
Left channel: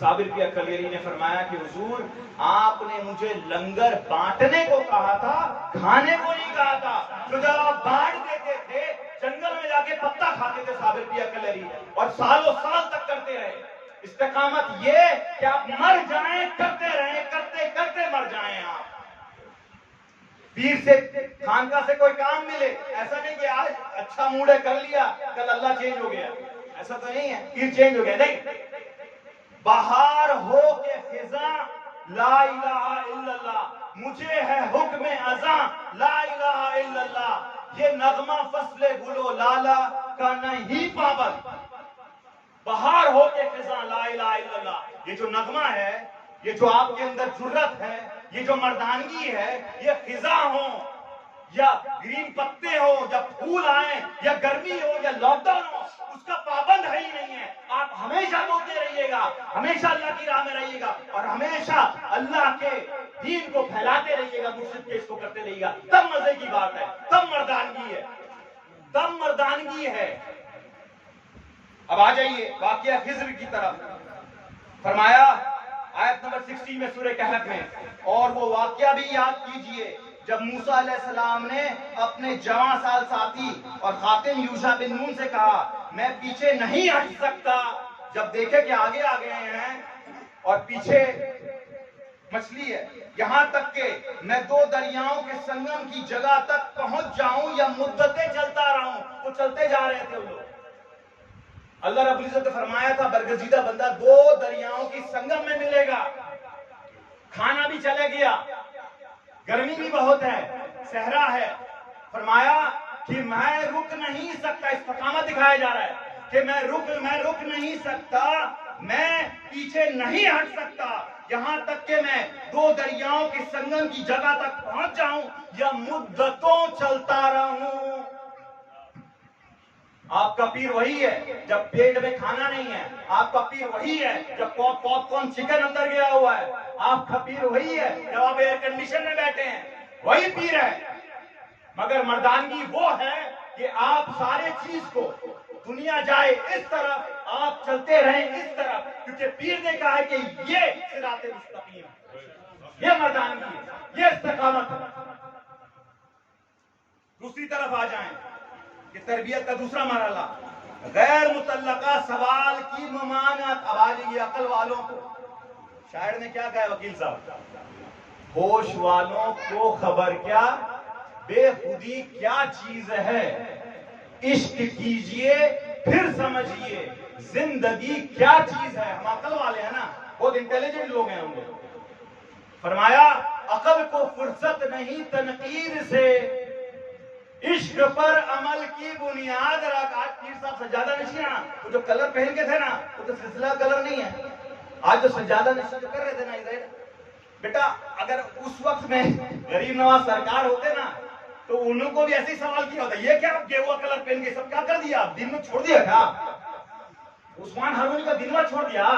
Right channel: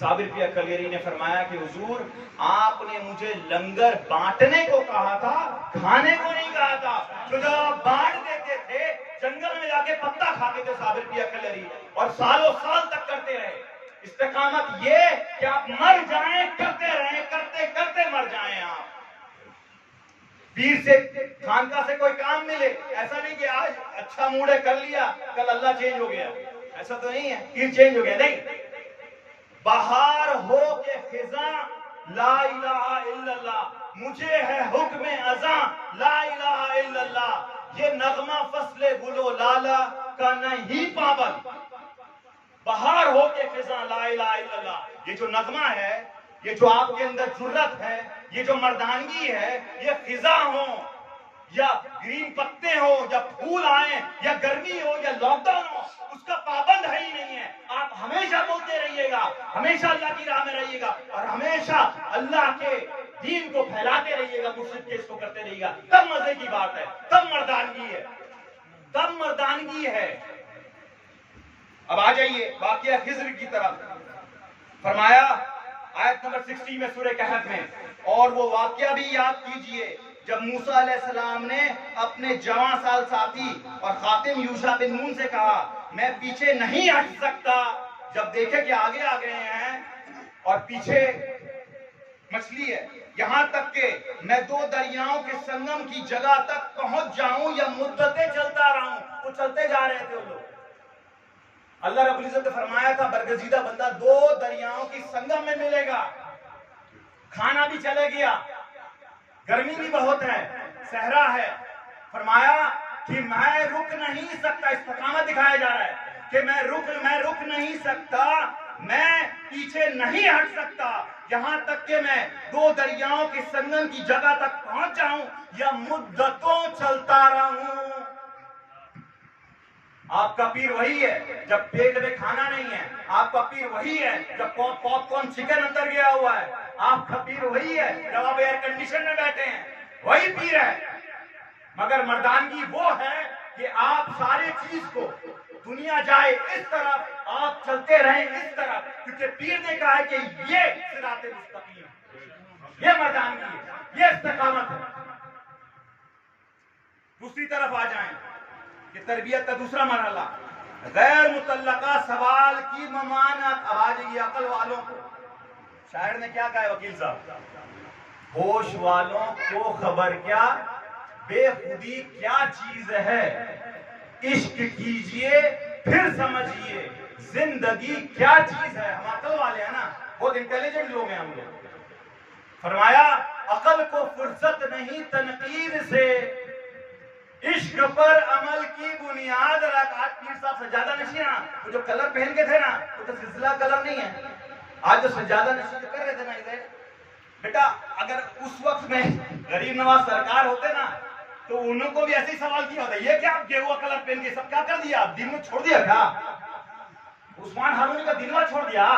साबिर पिया कलियरी ने फरमाया कि हुजूर आपने मुझे लंगर बांटने को कहा था, खाने को नहीं कहा था। तो जब आप बांट देते थे, जंगल में जाके पत्ता खाते थे साबिर पिया कलियरी, और सालों साल तक करते रहे। इस्तिकामत ये कि आप मर जाएं, करते रहें, करते करते मर जाएं। आप पीर से खानका से कोई काम मिले, ऐसा नहीं कि आज अच्छा मूड है कर लिया, कल अल्लाह चेंज हो गया, ऐसा तो नहीं है। पीर चेंज हो गया नहीं। बहार हो के खिजा ला इलाहा इल्लल्लाह, मुझे है हुक्म अज़ा ला इलाहा इल्लल्लाह, ये नगमा फसले गुलो लाला का नहीं पाबंद। बहार हो के खिजा ला इलाहा इल्लल्लाह, ये जो नगमा है, ये जो आपके अंदर जुर्रत है, ये जो मर्दानगी है, ये खिजा हो या ग्रीन पत्ते हो या फूल आए या गर्मी हो या लॉकडाउन हो, उसका पाबंद है ही नहीं है। आप हमेशा बोलते रहिएगा, हमेशा अल्लाह की राह में रहिएगा और हमेशा अल्लाह के दीन को फैलाते रहिएगा, मुर्शिद के इसको करते रहिएगा। तब मजे की बात है, तब मर्दानगी है, तब मर्दानगी है। अब आ जाइए वाक़िया खिज़्र की तरफ। फरमाया आयत नंबर 60 में सूरह कहफ में, और वो वाक़िया भी याद कीजिए जब मूसा अलैहिस्सलाम ने अपने जवां साल साथी और खातिम यूशा बिन नून से कहा मैं पीछे नहीं हट सकता। जब देखे कि आगे आ गए हैं और पीछे मछली है, यहां तक के मैं 2 दरियाओं के संगम की जगह तक पहुंच जाऊं या मुद्दतें चलता रहूं। वो चलते जा रहे थे वो लोग। अल्लाह रब्बुल इज्जत ने फरमाया था बरगजीदा बंदा 2 दरियाओं की संगम में मिलेगा। खाना भी चले गया, गर्मी भी बहुत है, सहरा है। फरमाया कि मैं रुक नहीं सकता, इस्तिकामत दिखाया जा रहा है कि मैं रुक नहीं सकता, मैं पीछे नहीं हट सकता, यहां तक कि मैं 2 दरियाओं के संगम की जगह तक पहुंच जाऊं या मुद्दतों चलता रहूं। आपका पीर वही है जब पेट में खाना नहीं है, आपका पीर वही है जब पॉपकॉर्न चिकन अंदर गया हुआ है, आपका पीर वही है जब आप एयर कंडीशन में बैठे हैं, वही पीर है। मगर मर्दानगी वो है कि आप सारे चीज को, दुनिया जाए इस तरफ, आप चलते रहें इस तरफ, क्योंकि पीर ने कहा है कि ये सिराते मुस्तकीम, ये मर्दानगी है, ये इस्तिकामत है। दूसरी तरफ आ जाएं कि तरबियत का दूसरा मरहला, गैर मुतल्लका सवाल की ममानत। अब आ जाइए अकल वालों को। शायर ने क्या कहा है वकील साहब? होश वालों को खबर क्या, बेखुदी क्या चीज है, इश्क कीजिए फिर समझिए जिंदगी क्या चीज है। हम अकल वाले हैं ना, बहुत इंटेलिजेंट लोग हैं हम लोग। फरमाया अकल को फुर्सत नहीं तनकीर से, इश्क पर अमल की बुनियाद रख। आज पीर साहब सज्जादा नशियां, वो जो कलर पहन के थे ना, वो तो सिलसिला कलर नहीं है। आज जो सज्जादा नशी कर रहे थे ना इधर, बेटा अगर उस वक्त में गरीब नवाज सरकार होते ना, तो उनको भी ऐसे ही सवाल किया होता, ये क्या आप गेहुआ कलर पहन के सब क्या कर दिया, आप दिन में छोड़ दिया क्या? उस्मान हारूनी का दिनवा छोड़ दिया,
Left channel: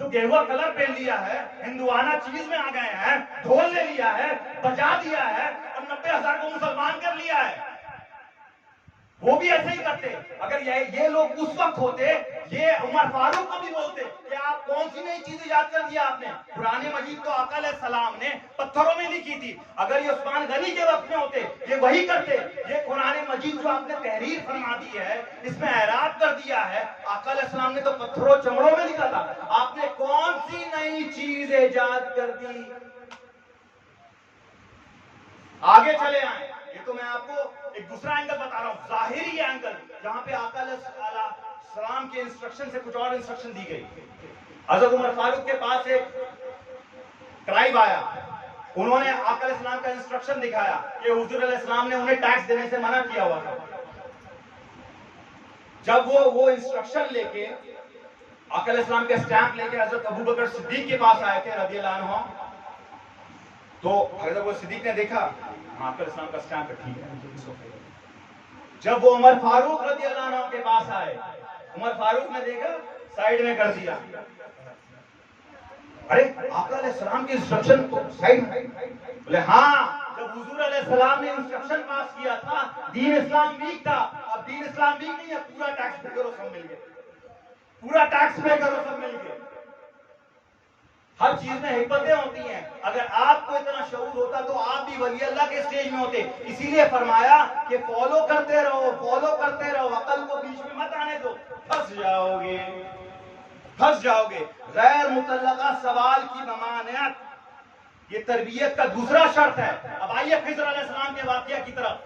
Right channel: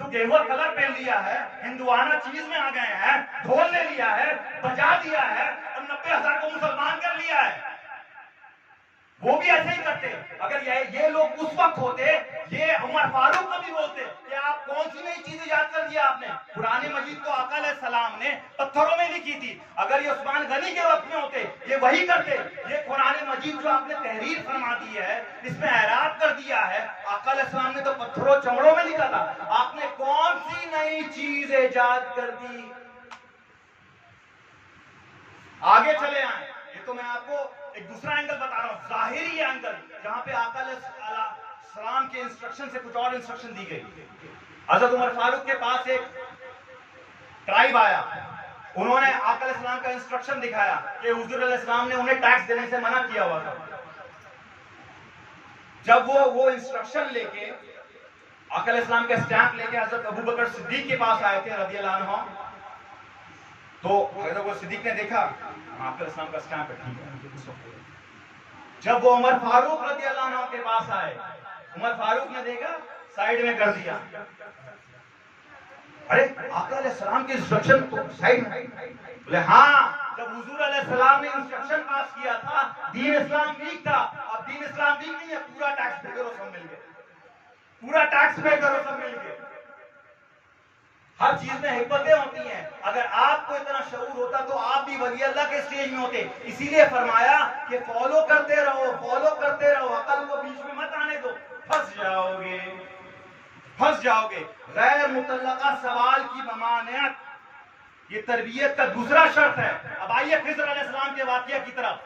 तो गेहुआ कलर पहन लिया है, हिंदुआना चीज में आ गए हैं, ढोल ले लिया है, बजा दिया है और 90,000 को मुसलमान कर लिया है। वो भी ऐसे ही करते। अगर ये लोग उस वक्त होते, ये उमर फारूक को भी बोलते कि आप कौन सी नई चीजें याद कर दिया आपने, कुरान मजीद तो आका अलैहिस्सलाम ने पत्थरों में लिखी थी। अगर ये उस्मान गनी के वक्त में होते, ये वही करते। ये कुरान मजीद जो आपने तहरीर फरमा दी है, इसमें एराब कर दिया है, आका अलैहिस्सलाम ने तो पत्थरों चमड़ों में लिखा था। आपने कौन सी नई चीज इजाद कर दी? आगे चले आए, ये तो मैं आपको एक दूसरा एंगल बता रहा हूं, जाहिरी एंगल, जहां पे आका अलैहिस्सलाम के इंस्ट्रक्शन से कुछ और इंस्ट्रक्शन दी गई। हजरत उमर फारूक के पास एक ट्राइब आया, उन्होंने आका अलैहिस्सलाम का इंस्ट्रक्शन दिखाया कि हुजूर अलैहिस्सलाम ने उन्हें टैक्स देने से मना किया हुआ था। जब वो इंस्ट्रक्शन लेके आका अलैहिस्सलाम के स्टैंप लेके हजरत अबू बकर सिद्दीक के पास आए थे रज़ियल्लाहु अन्हु, तो हजरत वो सिद्दीक ने देखा आका अलैहिस्सलाम का स्टैंप है, ठीक है। जब वो उमर फारूक रज़ियल्लाहु अन्हु के पास आए, उमर फारूक ने देखा, साइड में कर दिया। अरे आका अलैहिस्सलाम के इंस्ट्रक्शन तो साइड में, बोले हाँ, जब हुजूर अलैहिस्सलाम ने इंस्ट्रक्शन पास किया था, दीन इस्लाम वीक था, अब दीन इस्लाम वीक नहीं है, पूरा टैक्स पे करो सब मिलके, पूरा टैक्स पे करो सब मिलके। हर चीज में हिकमतें होती हैं। अगर आपको इतना शऊर होता तो आप भी वली अल्लाह के स्टेज में होते। इसीलिए फरमाया कि फॉलो करते रहो, फॉलो करते रहो, अकल को बीच में मत आने दो, फंस जाओगे, फंस जाओगे। गैर मुतल्लका सवाल की ममानियत, ये तरबियत का दूसरा शर्त है। अब आइए खिज़र अलैहिस्सलाम के वाक़या की तरफ।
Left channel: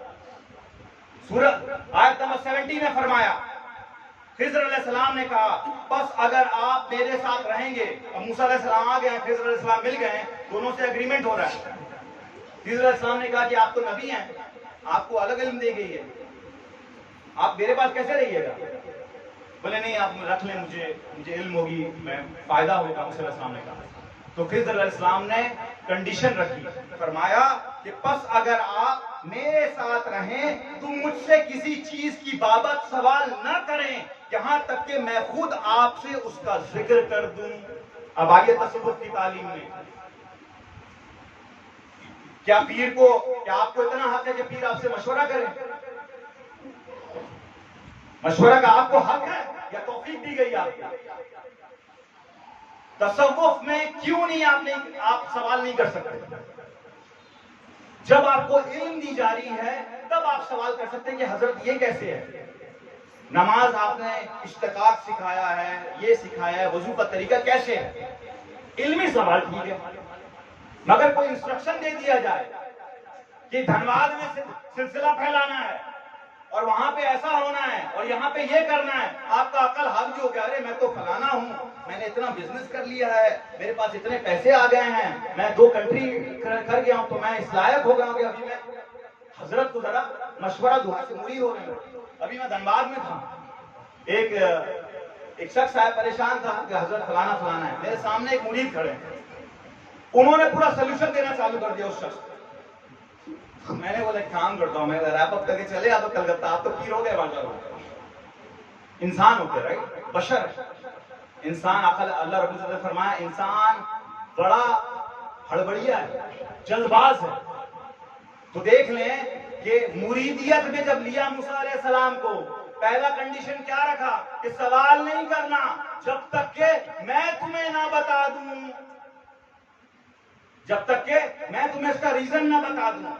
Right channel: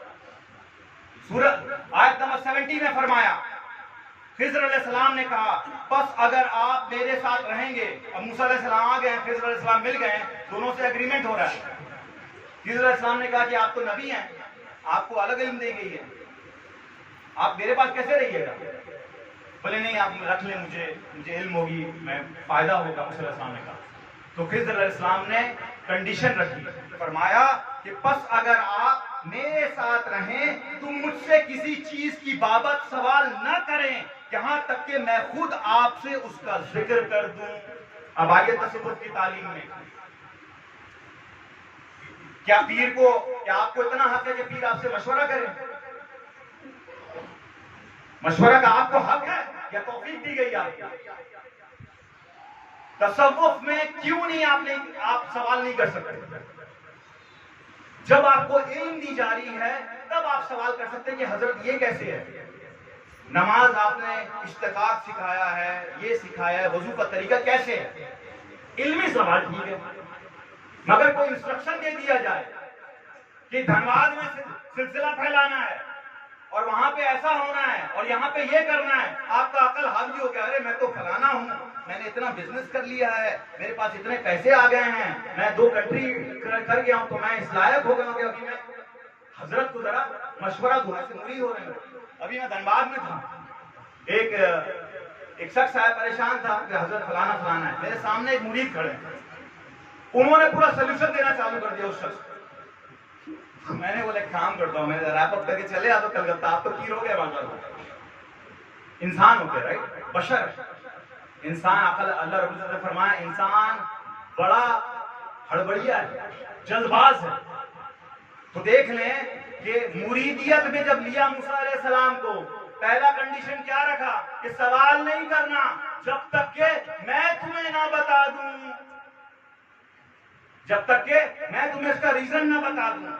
सूरह आयत नंबर 70 में फरमाया, खिज़र अलैहिस्सलाम ने कहा, बस अगर आप मेरे साथ रहेंगे। अब मूसा अलैहिस्सलाम आ गए, खिज़र अलैहिस्सलाम मिल गए, दोनों से एग्रीमेंट हो रहा है। खिज़र अलैहिस्सलाम ने कहा कि आप तो नबी हैं, आपको अलग इल्म दी गई है, आप मेरे पास कैसे रहिएगा? बोले नहीं, आप रख लें, मुझे इल्म होगी, मैं फायदा होगा। मूसा अलैहिस्सलाम ने कहा। तो खिज़र अलैहिस्सलाम ने कंडीशन रखी, फरमाया कि बस अगर आप मेरे साथ रहें तो मुझसे किसी चीज की बाबत सवाल न करें, यहां तक कि मैं खुद आपसे उसका जिक्र कर दूं। अब आइए तसव्वुफ की तालीम में, क्या आपको इतना हक है कि पीर आपसे मशवरा करें? मशवरा का आपको हक है या तौफीक दी गई आपको? तसव्वुफ में क्यों नहीं आप सवाल नहीं कर सकते? जब आपको इल्म दी जा रही है तब आप सवाल कर सकते हैं कि हजरत ये कैसे है। नमाज आपने इश्तिकाक सिखाया है, ये सिखाया है, वजू का तरीका कैसे है, इल्मी सवाल ठीक है। मगर कोई इंस्ट्रक्शन दे दिया जाए कि धनबाद में सिलसिला फैलाना है और वहां पे ऐसा होना है और यहाँ पे ये करना है, आपका अकल हावी हो गया, अरे मैं तो फलाना हूँ, मैंने इतना बिजनेस कर लिया है, मेरे पास इतने पैसे आ गए हैं, मैं 2 कंट्री कर गया हूँ, तो मैं इस लायक हो गया हूँ कि अभी मैं हजरत को जरा मशवरा दुआ से मुरीद हो रहे हैं। अभी मैं धनबाद में था, एक शख्स आया, परेशान था कि हजरत फलाना फलाना है, मेरे सामने एक मुरीद खड़े, उन्होंने पूरा सोल्यूशन देना चालू कर दिया उस शख्स। मैंने बोले काम करता हूँ, मैंने रैप अप करके चले, आप तो कलकत्ता, आप तो पीर हो गए, माशाल्लाह। इंसान होते, राइट, बशर इंसान। अल्लाह रब्बुल इज्जत ने फरमाया इंसान बड़ा हड़बड़िया है, जल्दबाज है। तो देख लें कि मुरीदियत में जब लिया मूसा अलैहिस्सलाम को, पहला कंडीशन क्या रखा कि सवाल नहीं करना जब तक के मैं तुम्हें ना बता दूं, जब तक के मैं तुम्हें इसका रीजन ना बता दूं।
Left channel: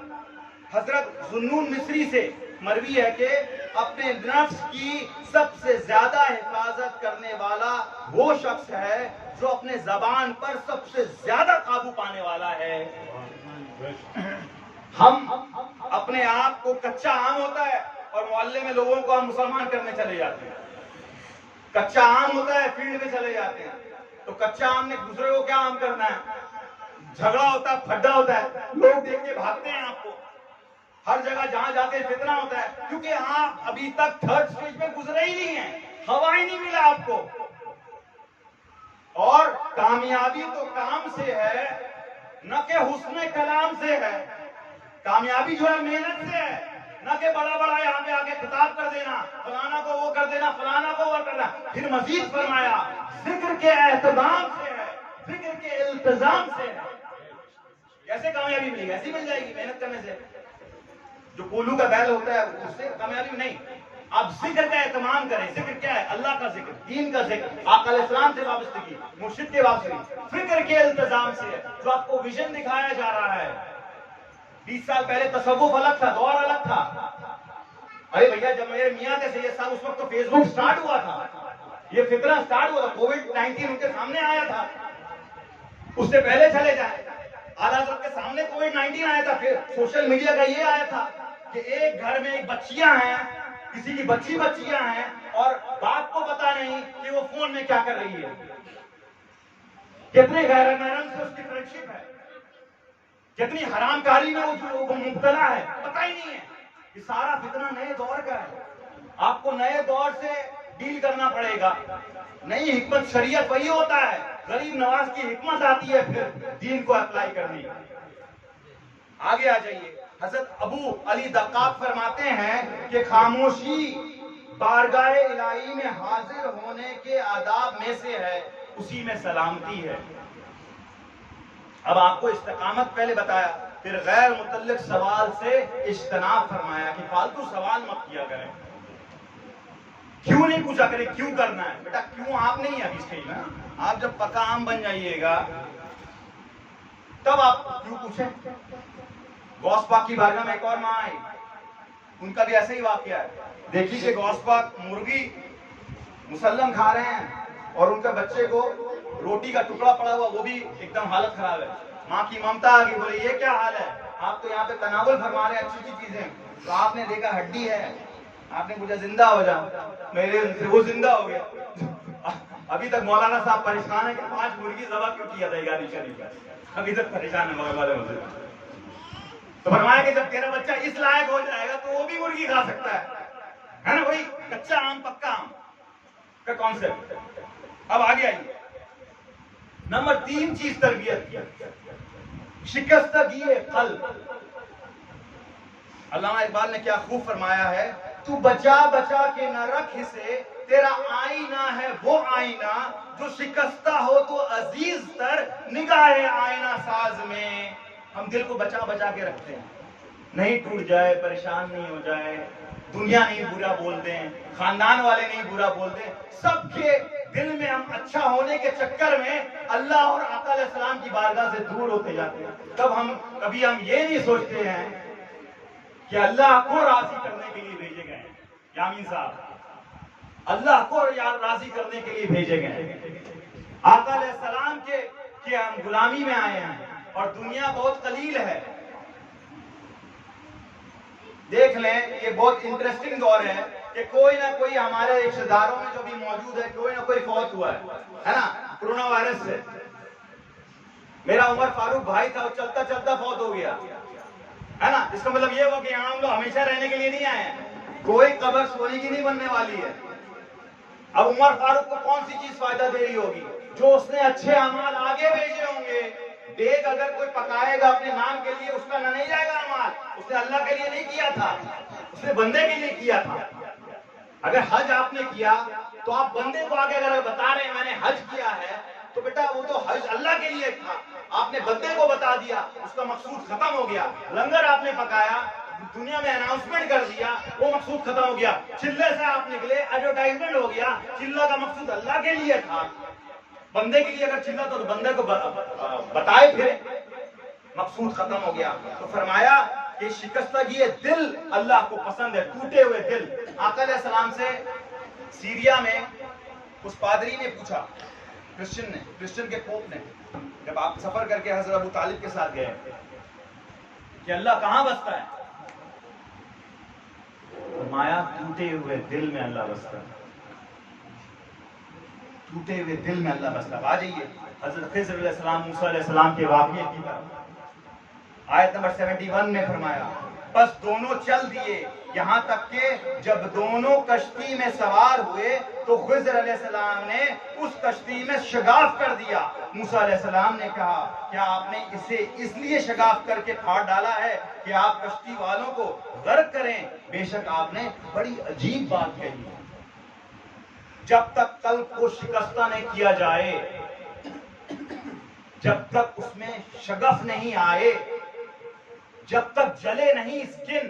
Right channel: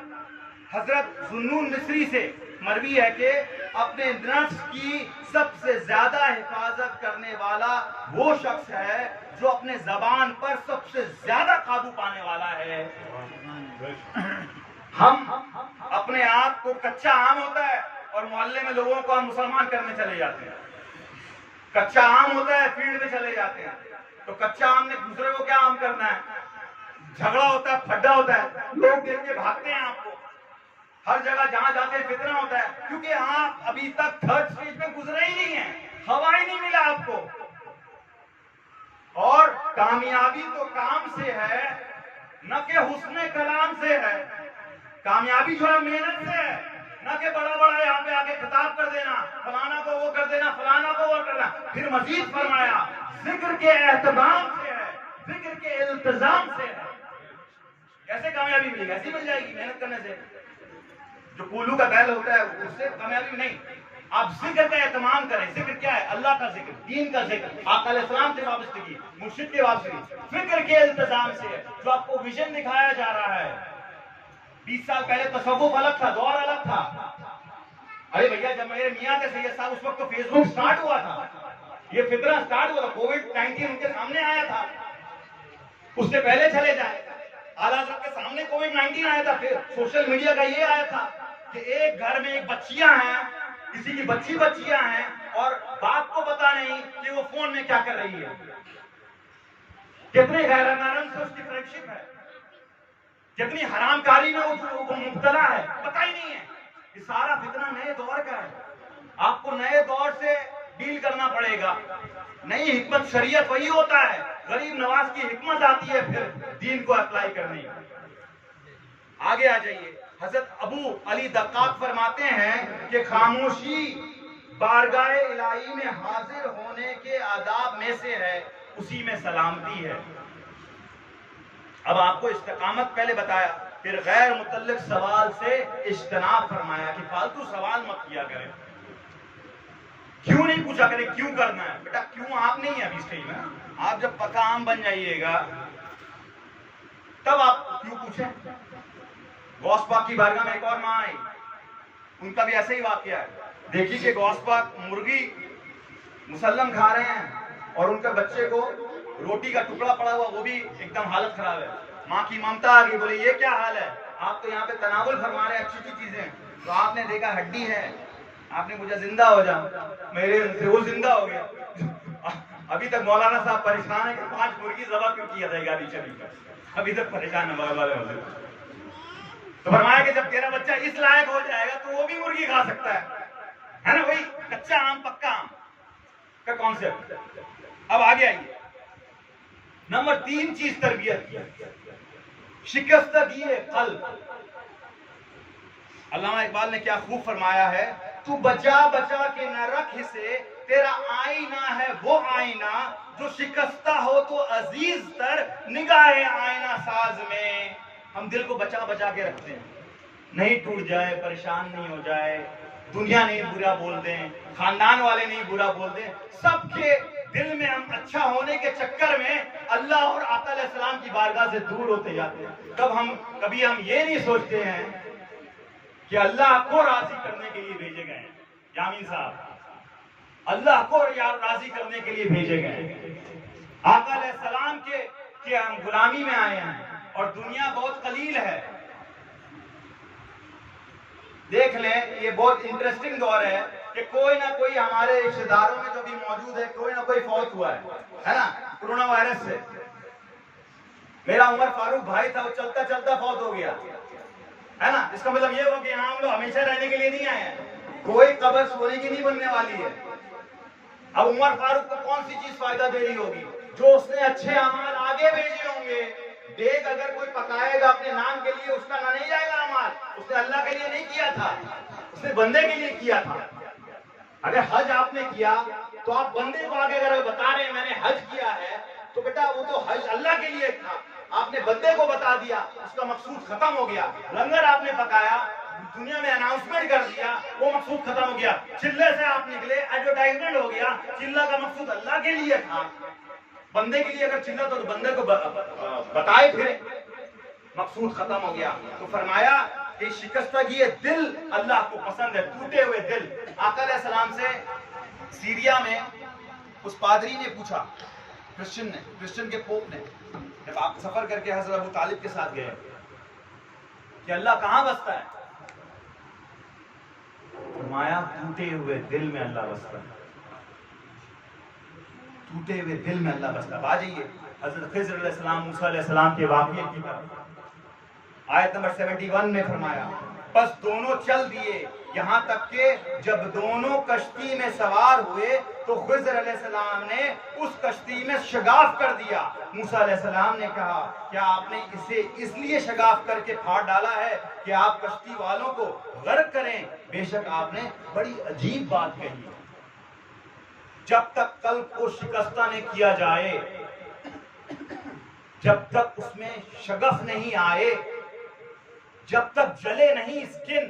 हजरत जुन्नून मिस्री से मरवी है कि अपने नफ्स की सबसे ज्यादा हिफाजत करने वाला वो शख्स है जो अपने जबान पर सबसे ज्यादा काबू पाने वाला है। हम अपने आप को कच्चा आम होता है और मोहल्ले में लोगों को हम मुसलमान करने चले जाते हैं। कच्चा आम होता है, फील्ड में चले जाते हैं, तो कच्चा आम ने दूसरे को क्या आम करना है? झगड़ा होता है, फड्डा होता है, लोग देख के भागते हैं आपको। हर जगह जहां जाते हैं फितना होता है, क्योंकि आप अभी तक थर्ड स्टेज में गुजरे ही नहीं है, हवा ही नहीं मिला आपको। और कामयाबी तो काम से है, न के हुस्न कलाम से है। कामयाबी जो है मेहनत से है, न के बड़ा बड़ा यहाँ पे आके खिताब कर देना, फलाना को वो कर देना, फलाना को वो करना। फिर मजीद फरमाया जिक्र के एहतमाम से है, जिक्र के इल्तिजाम से है। कैसे कामयाबी मिलेगी? ऐसी मिल जाएगी मेहनत करने से। जो कोलू का बैल होता है उससे कामयाबी नहीं। आप जिक्र का एहतमाम करें। जिक्र क्या है? अल्लाह का जिक्र, दीन का जिक्र, आका अलैहिस्सलाम से वाबस्तगी, मुर्शिद से वाबस्तगी, फिक्र के इल्तिजाम से है। जो आपको विजन दिखाया जा रहा है। 20 साल पहले तसव्वुफ अलग था, दौर अलग था। अरे भैया, जब मेरे मियां के सैयद साहब, उस वक्त तो फेसबुक स्टार्ट हुआ था, ये फितना स्टार्ट हुआ था, कोविड-19 उनके सामने आया था। उससे पहले चले जाए, आला हज़रत के सामने कोविड-19 आया था। फिर सोशल मीडिया का ये आया था कि एक घर में एक बच्चियां हैं, किसी की बच्चियां हैं, और बाप को पता नहीं कि वो फोन में क्या कर रही है। कितने गैर महरम से उसकी फ्रेंडशिप है, कितनी हरामकारी में वो मुब्तला है, पता ही नहीं है। ये सारा फितना नए दौर का है। आपको नए दौर से डील करना पड़ेगा। नई हिकमत शरीयत वही होता है, गरीब नवाज की हिकमत आती है फिर दीन को अप्लाई करने की। आगे आ जाइए। हजरत अबू अली दक्काक फरमाते हैं कि खामोशी बारगाह इलाही में हाजिर होने के आदाब में से है, उसी में सलामती है। अब आपको इस्तिकामत पहले बताया, फिर गैर मुतल्लिक सवाल से इज्तनाब फरमाया कि फालतू सवाल मत किया करें। क्यों नहीं पूछा करें, क्यों करना है? बेटा क्यों आप नहीं है अभी स्टेज में। आप जब पक्का आम बन जाइएगा तब आप क्यों पूछें। गौस पाक की बारगाह में एक और माँ आई, उनका भी ऐसा ही वाकया है। देखिए कि गौस पाक मुर्गी मुसल्लम खा रहे हैं और उनके बच्चे को रोटी का टुकड़ा पड़ा हुआ, वो भी एकदम हालत खराब है। माँ की ममता आ गई, बोले ये क्या हाल है, आप तो यहाँ पे तनावुल फरमा रहे हैं अच्छी अच्छी चीजें, तो आपने देखा हड्डी है, आपने पूछा जिंदा हो जाओ, मेरे से वो जिंदा हो गया। अभी तक मौलाना साहब परेशान है कि 5 मुर्गी ज़बह क्यों किया था गाड़ी चली का, अभी तक परेशान है बगल वाले होते। तो फरमाया कि जब तेरा बच्चा इस लायक हो जाएगा तो वो भी मुर्गी खा सकता है ना। वही कच्चा आम पक्का आम का कॉन्सेप्ट। अब आगे आइए, नंबर 3 चीज तरबियत की, शिकस्तगी क़ल्ब। अल्लामा इकबाल ने क्या खूब फरमाया है, तू बचा बचा के न रख इसे, तेरा आईना है वो आईना, जो शिकस्ता हो तो अजीज तर निगाहे आईना साज में। हम दिल को बचा बचा के रखते हैं, नहीं टूट जाए, परेशान नहीं हो जाए, दुनिया नहीं बुरा बोल दें, खानदान वाले नहीं बुरा बोल दें, सबके दिल में हम अच्छा होने के चक्कर में अल्लाह और आका अलैहिस्सलाम की बारगाह से दूर होते जाते हैं। तब कभी हम ये नहीं सोचते हैं कि अल्लाह को राजी करने के लिए भेजे गए हैं। यामीन साहब, अल्लाह को राजी करने के लिए भेजे गए, आका अलैहिस्सलाम के हम गुलामी में आए हैं और दुनिया बहुत कलील है। देख लें, ये बहुत इंटरेस्टिंग दौर है कि कोई ना कोई हमारे रिश्तेदारों में जो भी मौजूद है, कोई ना कोई फौत हुआ है ना, कोरोना वायरस से। मेरा उमर फारूक भाई था, वो चलता चलता फौत हो गया, है ना। इसका मतलब ये हुआ कि यहाँ हम लोग हमेशा रहने के लिए नहीं आए हैं, कोई कब्र सोने की नहीं बनने वाली है। अब उमर फारूक को कौन सी चीज फायदा दे रही होगी? जो उसने अच्छे अमाल आगे भेजे होंगे। देख अगर कोई पकाएगा अपने नाम के लिए, उसका ना नहीं जाएगा अमाल, उसने अल्लाह के लिए नहीं किया था, उसने बंदे के लिए किया था। अगर हज आपने किया तो आप बंदे को आगे अगर बता रहे हैं मैंने हज किया है, तो बेटा वो तो हज अल्लाह के लिए था, आपने बंदे को बता दिया, उसका मकसूद खत्म हो गया। लंगर आपने पकाया, दुनिया में अनाउंसमेंट कर दिया, वो मकसूद खत्म हो गया। चिल्ले से आप निकले, एडवर्टाइजमेंट हो गया, चिल्ला का मकसूद अल्लाह के लिए था, बंदे के लिए अगर चिल्ला तो बंदे को बताए फिर, मकसूद खत्म हो गया। तो फरमाया कि शिकस्तगी दिल अल्लाह को पसंद है, टूटे हुए दिल। आका अलैहिस्सलाम से सीरिया में उस पादरी ने पूछा, क्रिश्चियन के पोप ने, जब आप सफर करके हजरत अबू तालिब के साथ गए, कि अल्लाह कहां बसता है? फरमाया टूटे हुए दिल में अल्लाह बसता है, टूटे हुए दिल में अल्लाह बसता है। आ जाइए हजरत खिज़र अलैहिस्सलाम, मूसा अलैहिस्सलाम के वाक़ये की तरफ। आयत नंबर 71 में फरमाया, बस दोनों चल दिए यहां तक कि जब दोनों कश्ती में सवार हुए तो खिज़र अलैहिस्सलाम ने उस कश्ती में शगाफ कर दिया। मूसा अलैहिस्सलाम ने कहा, क्या आपने इसे इसलिए शगाफ करके फाड़ डाला है कि आप कश्ती वालों को गर्क करें? बेशक आपने बड़ी अजीब बात कही। जब तक कल्ब को शिकस्ता नहीं किया जाए, जब तक उसमें शगफ नहीं आए, जब तक जले नहीं स्किन,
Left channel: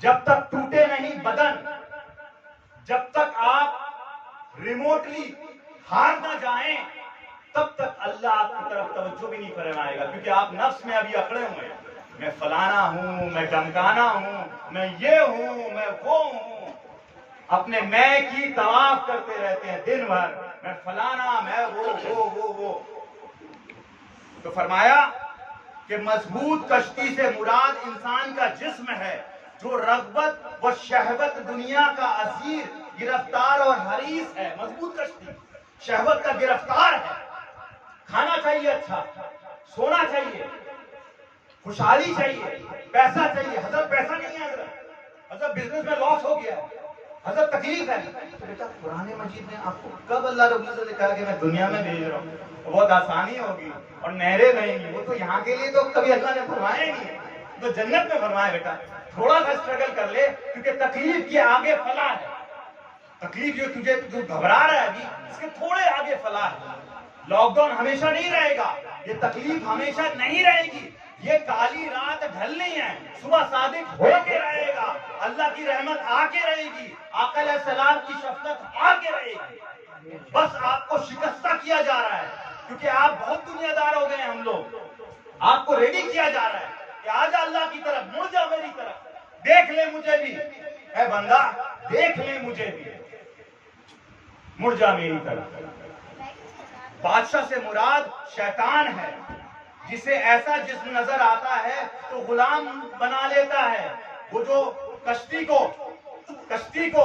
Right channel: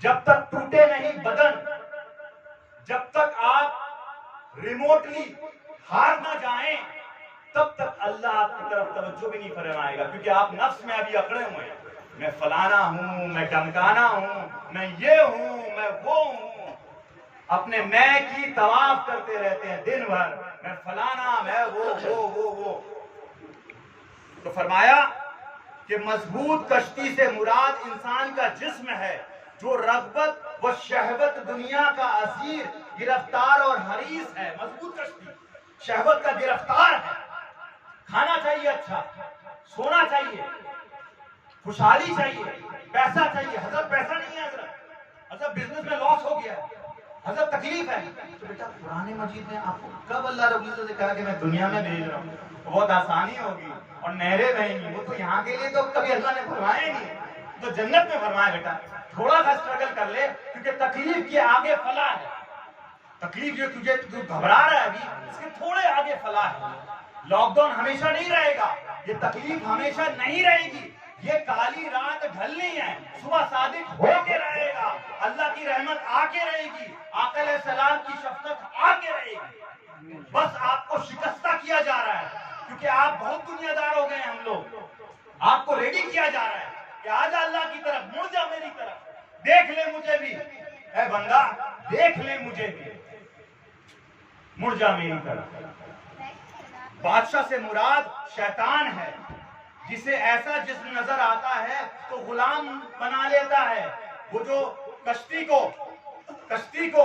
जब तक टूटे नहीं बदन, जब तक आप रिमोटली हार ना जाएं, तब तक अल्लाह आपकी तरफ तवज्जो भी नहीं फरमाएगा। क्योंकि आप नफ्स में अभी अकड़े हुए हैं, मैं फलाना हूं, मैं डमकाना हूं, मैं ये हूं, मैं वो हूं, अपने मैं की तवाफ करते रहते हैं दिन भर, मैं फलाना, मैं वो। तो फरमाया कि मजबूत कश्ती से मुराद इंसान का जिस्म है, जो रग़बत व शहवत दुनिया का असीर, गिरफ्तार और हरीस है। मजबूत कश्ती शहवत का गिरफ्तार है, खाना चाहिए, अच्छा सोना चाहिए, खुशहाली चाहिए, पैसा चाहिए। हजरत पैसा नहीं है, हजरत बिजनेस में लॉस हो गया है, हजरत तकलीफ है। तो बेटा कुरान मजीद में आपको कब अल्लाह रब्बुल इज्जत ने कहा कि मैं दुनिया में भेज रहा हूँ, तो बहुत आसानी होगी और नहरें बहेंगी? वो तो यहाँ के लिए तो कभी अल्लाह ने फरमाया ही नहीं है, तो जन्नत में फरमाया बेटा थोड़ा सा स्ट्रगल कर ले, क्योंकि तकलीफ के आगे फलाह है। तकलीफ जो तू घबरा रहा है अभी, इसके थोड़े आगे फलाह है। लॉकडाउन हमेशा नहीं रहेगा, ये तकलीफ हमेशा नहीं रहेगी, ये काली रात ढलनी है, सुबह सादिक होके रहेगा, अल्लाह की रहमत आके रहेगी, आका अलैहिस्सलाम की शफकत आके रहेगी। बस आपको शिकस्ता किया जा रहा है, क्योंकि आप बहुत दुनियादार हो गए हैं। हम लोग आपको रेडी किया जा रहा है कि आजा अल्लाह की तरफ, मुड़ जा मेरी तरफ, देख ले मुझे भी, ऐ बंदा देख ले मुझे भी, मुड़ जा मेरी तरफ। बादशाह से मुराद शैतान है, जिसे ऐसा जिस्म नजर आता है तो गुलाम बना लेता है। वो जो कश्ती को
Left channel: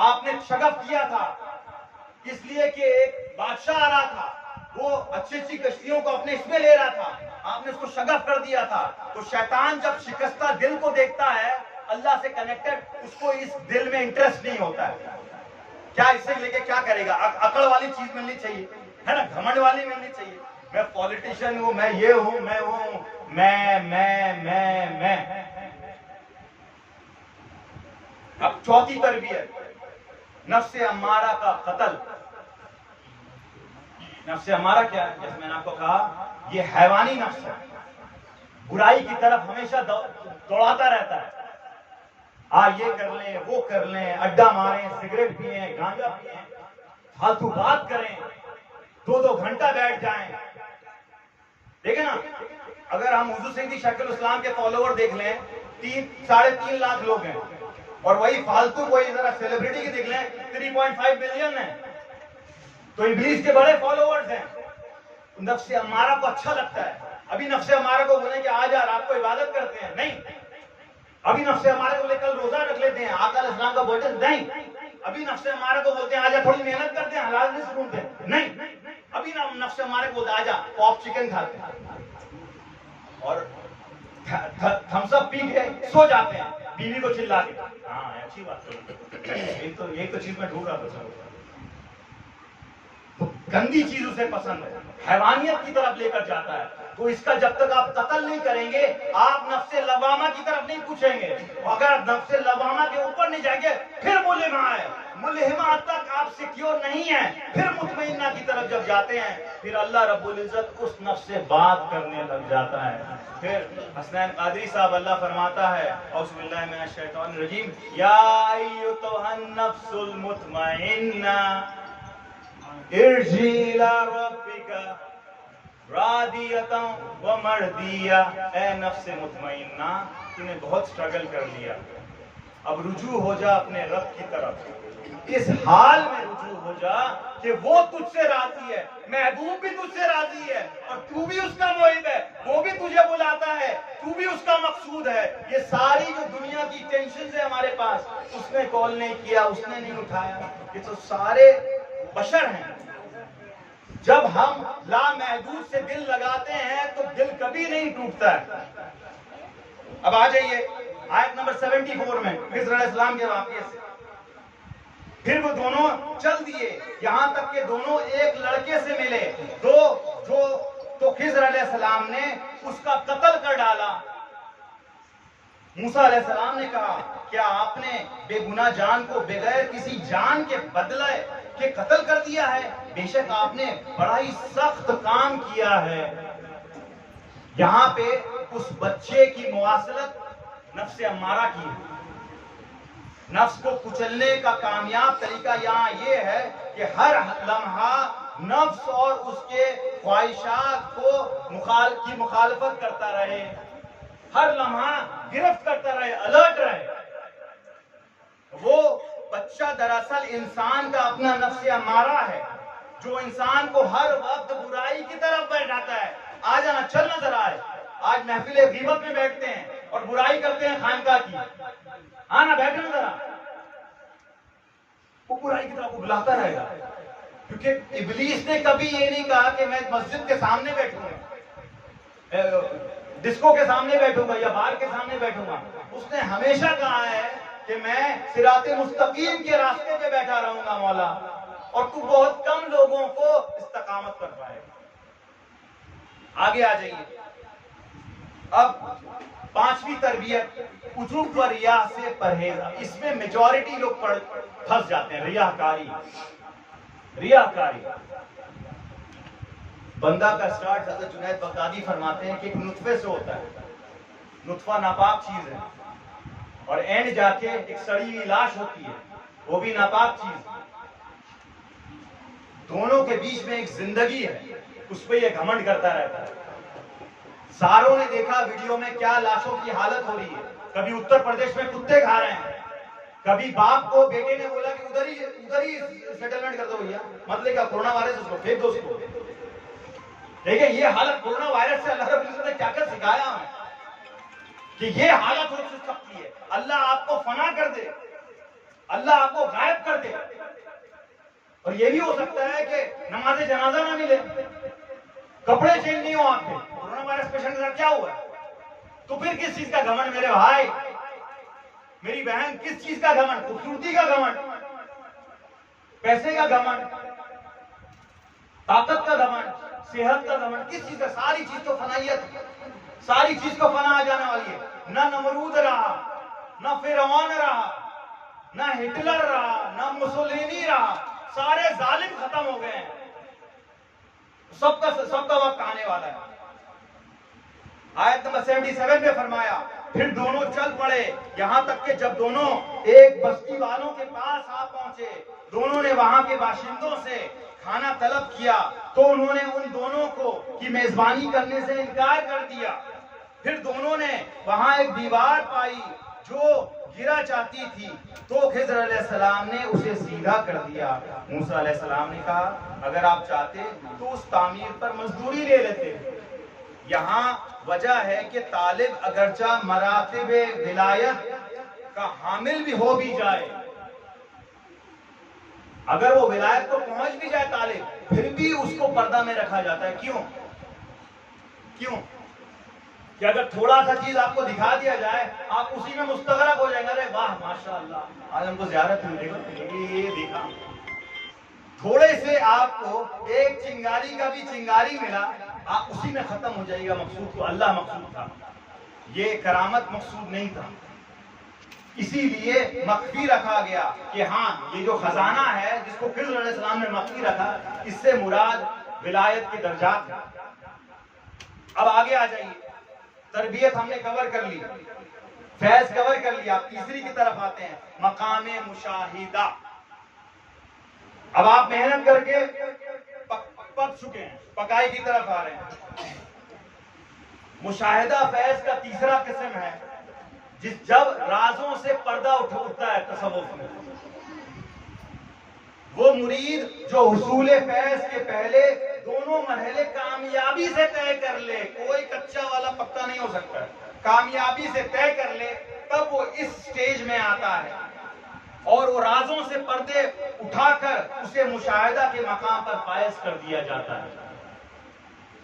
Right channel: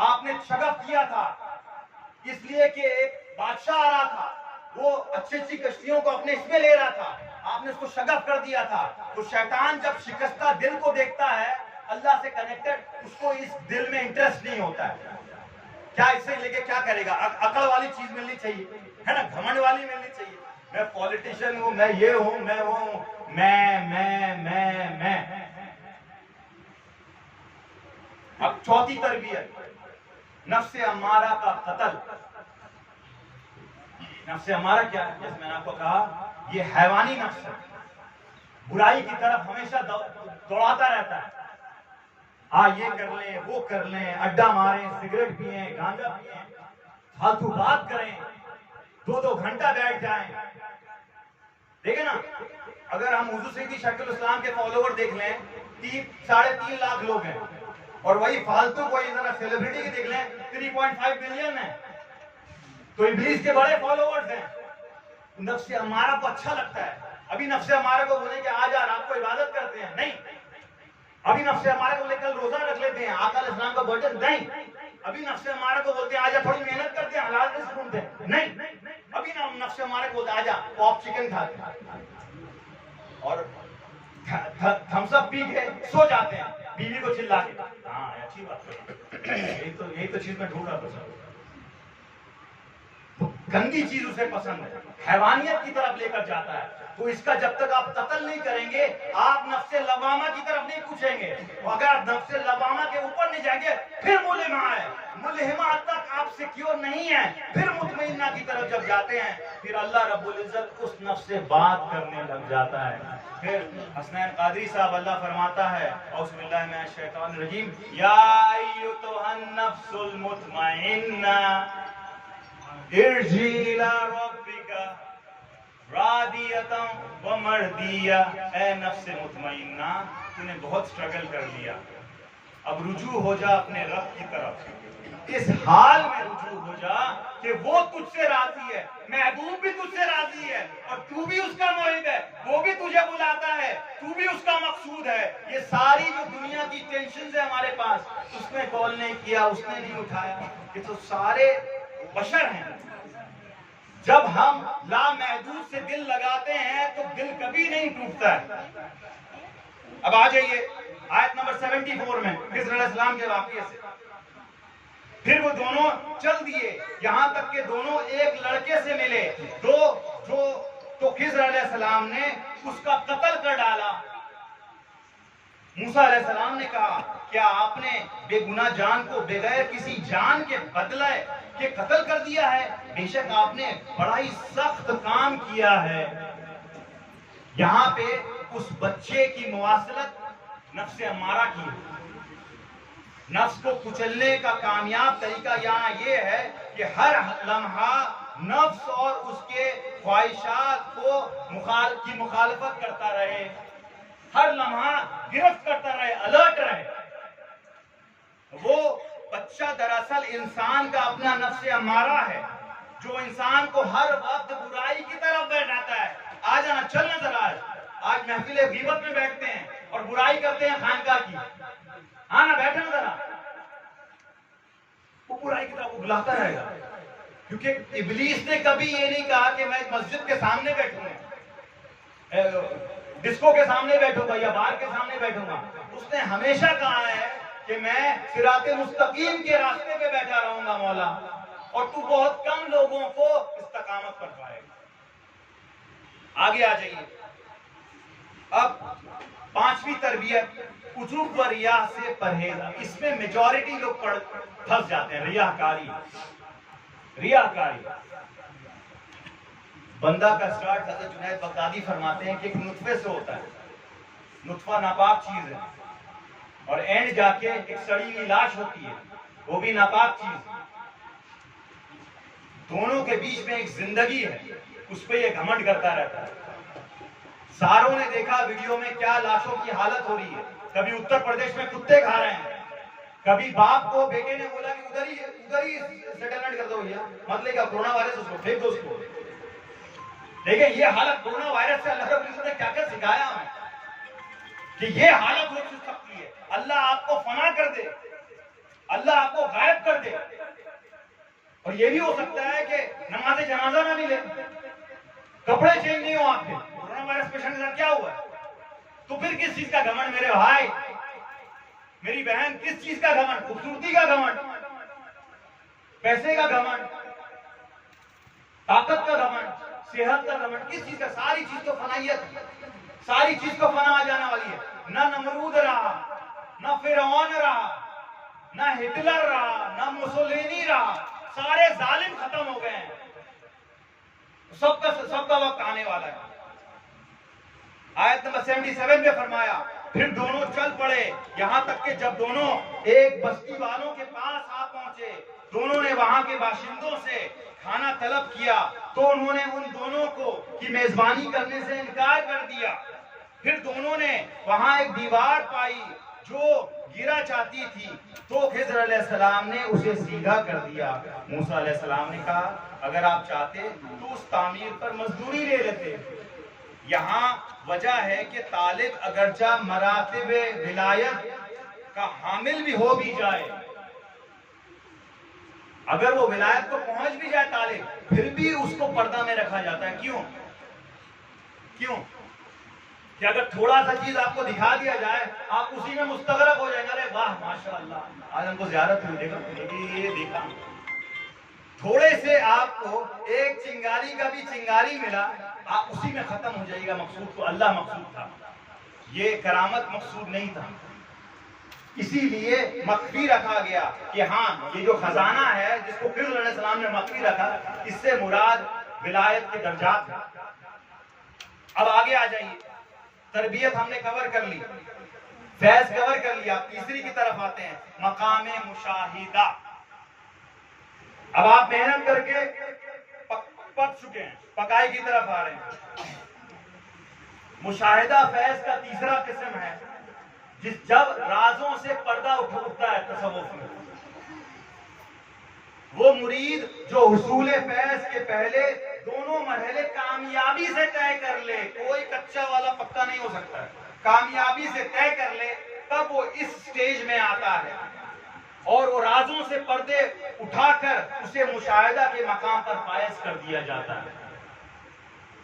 आपने शगफ किया था, इसलिए कि एक बादशाह आ रहा था, वो अच्छी कश्तियों को अपने इसमें ले रहा था, आपने उसको शगफ कर दिया था। तो शैतान जब शिकस्ता दिल को देखता है, अल्लाह से कनेक्टेड, उसको इस दिल में इंटरेस्ट नहीं होता है। क्या इससे लेके क्या करेगा? अकड़ वाली चीज मिलनी चाहिए, है ना, घमंड वाली मिलनी चाहिए। मैं पॉलिटिशियन हूं, मैं ये हूं, मैं वो हूं, मैं। अब चौथी तरबियत, नफ्से अम्मारा का कत्ल। नफ्से अम्मारा क्या है? जैसे मैंने आपको कहा, ये हैवानी नफ्स है, बुराई की तरफ हमेशा दौड़ाता रहता है। ये कर लें, वो कर लें, अड्डा मारें, सिगरेट पिए, गांजा पिए, फालतू बात करें, 2-2 घंटा बैठ जाएं। देखिए ना, अगर हम हुजूर सैयदी शकील इस्लाम के फॉलोवर देख लें, 3-3.5 लाख लोग हैं, और वही फालतू कोई जरा सेलिब्रिटी की देख लें, 3.5 बिलियन है, तो इब्लीस के बड़े फॉलोवर्स हैं। नफ्से अम्मारा को अच्छा लगता है। अभी नफ्से अम्मारा को बोले कि आज रात को इबादत करते हैं, नहीं। अभी नफ्से अम्मारा को लेकर रोजा रख लेते हैं, आका अलैहिस्सलाम का बर्थडे, नहीं। अभी नफ्से अम्मारा को बोलते हैं आजा थोड़ी मेहनत करते हैं, हलाल रिज़्क ढूंढते हैं, नहीं। अभी ना नफ्से अम्मारा को बोलते हैं आजा पॉप चिकन खाते हैं और थम्स अप पी के सो जाते हैं, बीवी को चिल्ला के। हाँ, अच्छी बात है, एक तो चीज में ढूंढ रहा था, गंदी चीज उसे पसंद है, हैवानियत की तरफ लेकर जाता है। तो इसका जब तक आप कत्ल नहीं करेंगे, आप नफ्से लवामा की तरफ नहीं पूछेंगे। अगर नफ्से लवामा के ऊपर नहीं जाएंगे, फिर मुलिमा है, मुलिमा तक आप सिक्योर नहीं है, फिर मुतमइन्ना की तरफ जब जाते हैं, फिर अल्लाह रब्बुल इज्जत उस नफ्स से बात करने लग जाता है। फिर हसनैन कादरी साहब अल्लाह फरमाता है, औज़ु बिल्लाहि मिनश शैतानिर रजीम, या अय्युहन नफ्सुल मुतमइन्ना इरजी इला रब्बिका रादियतन व मर्दिया। ए नफ्स मुतमइन्ना, तूने बहुत स्ट्रगल कर लिया, अब रुजू हो जा अपने रब की तरफ, इस हाल में रुजू हो जा कि वो तुझसे राजी है, महबूब भी तुझसे राजी है और तू भी उसका मुहिब है, वो भी तुझे बुलाता है, तू भी उसका मकसूद है। ये सारी जो दुनिया की टेंशन है हमारे पास, उसने कॉल नहीं किया, उसने नहीं उठाया, ये तो सारे बशर हैं। जब हम लामहदूद से दिल लगाते हैं तो दिल कभी नहीं टूटता है। अब आ जाइए आयत नंबर 74 में खिज़र अलैहिस्सलाम के वाक़ये से। फिर वो दोनों चल दिए, यहां तक के दोनों एक लड़के से मिले, तो खिज़र अलैहिस्सलाम ने उसका कत्ल कर डाला। मूसा अलैहिस्सलाम ने कहा, क्या आपने बेगुनाह जान को बगैर किसी जान के बदले के कत्ल कर दिया है? बेशक आपने बड़ा ही सख्त काम किया है। यहां पे उस बच्चे की मुवासलत नफ्स अम्मारा की, नफ्स को कुचलने का कामयाब तरीका यहाँ ये है कि हर लम्हा नफ्स और उसके ख्वाहिशात को मुखालफत करता रहे, हर लम्हा गिरफ्त करता रहे, अलर्ट रहे। वो बच्चा दरअसल इंसान का अपना नफ्स अम्मारा है, जो इंसान को हर वक्त बुराई की तरफ बैठाता है। आ जाना, चल ना जरा, आज महफिल गीबत में बैठते हैं और बुराई करते हैं खानका की, हाँ ना, बैठे ना जरा, वो बुराई की तरफ बुलाता रहेगा। क्योंकि इब्लीस ने कभी ये नहीं कहा कि मैं मस्जिद के सामने बैठूंगा, डिस्को के सामने बैठूंगा या बार के सामने बैठूंगा। उसने हमेशा कहा है कि मैं सिराते मुस्तकीम के रास्ते पे बैठा रहूंगा मौला, और तू बहुत कम लोगों को इस्तकामत कर पाएगा। आगे आ जाइए। अब पांचवी तरबियत, उजूब व रिया से परहेज। इसमें मेजॉरिटी लोग फंस जाते हैं, रियाकारी। बंदा का स्टार्ट हज़रत जुनैद बगदादी फरमाते हैं कि एक नुत्फे से होता है, नुत्फा नापाक चीज है, और एंड जाके एक सड़ी हुई लाश होती है, वो भी नापाक चीज है। दोनों के बीच में एक जिंदगी है, उस पर यह घमंड करता रहता है। सारों ने देखा वीडियो में क्या लाशों की हालत हो रही है। कभी उत्तर प्रदेश में कुत्ते खा रहे हैं, कभी बाप को बेटे ने बोला कि उधर ही सेटलमेंट कर दो भैया, मतलब क्या कोरोना वायरस, उसको फेंक दो उसको। देखिए ये हालत कोरोना वायरस से अल्लाह रब्बुल इज्जत ने क्या क्या सिखाया हमें कि ये हालत हो सकती है। अल्लाह आपको फना कर दे, अल्लाह आपको गायब कर दे, और ये भी हो सकता है कि नमाज जनाजा ना मिले, कपड़े चेंज नहीं हो आपके। कोरोना वायरस पेशेंट के साथ क्या हुआ? तो फिर किस चीज का घमंड मेरे भाई, मेरी बहन, किस चीज का घमंड? खूबसूरती का घमंड, पैसे का घमंड, ताकत का घमंड, सेहत का घमंड, किस चीज का? सारी चीज तो फनाइयत, सारी चीज को फना आ जाने वाली है। ना नमरूद रहा, ना फिरौन रहा, ना हिटलर रहा, ना मुसोलिनी रहा, सारे जालिम खत्म हो गए हैं। सबका वक्त आने वाला है। आयत नंबर 77 में फरमाया, फिर दोनों चल पड़े, यहां तक कि जब दोनों एक बस्ती वालों के पास आ पहुंचे, दोनों ने वहां के बाशिंदों से खाना तलब किया, तो उन्होंने उन दोनों को की मेजबानी करने से इनकार कर दिया। फिर दोनों ने वहां एक दीवार पाई जो गिरा चाहती थी, तो खिज़र अलैहिस्सलाम ने उसे सीधा कर दिया। मूसा अलैहिस्सलाम ने कहा, अगर आप चाहते तो उस तामीर पर मजदूरी ले लेते। यहाँ वजह है कि तालिब अगरचा मरातिबे विलायत का हामिल भी हो भी जाए, अगर वो विलायत को पहुंच भी जाए तालिब, फिर भी उसको पर्दा में रखा जाता है। क्यों? कि अगर थोड़ा सा चीज आपको दिखा दिया जाए, आप उसी में मुस्तगरक हो जाएंगे, अरे वाह माशाअल्लाह, आज हमको ज़ियारत हुई, देखो ये देखा। थोड़े से आपको एक चिंगारी का भी चिंगारी मिला, आप उसी में खत्म हो जाएगा मकसूद को। अल्लाह मकसूद था, ये करामत मकसूद नहीं था। इसीलिए मख्फी रखा गया कि हाँ, ये जो खजाना है जिसको खिज़र अलैहिस्सलाम ने मख्फी रखा, इससे मुराद विलायत के दर्जात है। अब आगे आ जाइए, तरबियत हमने कवर कर ली, फैज कवर कर लिया। तीसरी की तरफ आते हैं, मकामे मुशाहिदा। अब आप मेहनत करके पक चुके हैं, पकाई की तरफ आ रहे हैं। मुशाहिदा फैज का तीसरा किस्म है, जब राजों से पर्दा उठता है तसव्वुफ में, वो मुरीद जो हुसूल फैज के पहले दोनों मरहले कामयाबी से तय कर ले, कोई कच्चा वाला पक्का नहीं हो सकता, कामयाबी से तय कर ले, तब वो इस स्टेज में आता है और वो राजों से पर्दे उठाकर उसे मुशाहिदा के मकाम पर फायज कर दिया जाता है।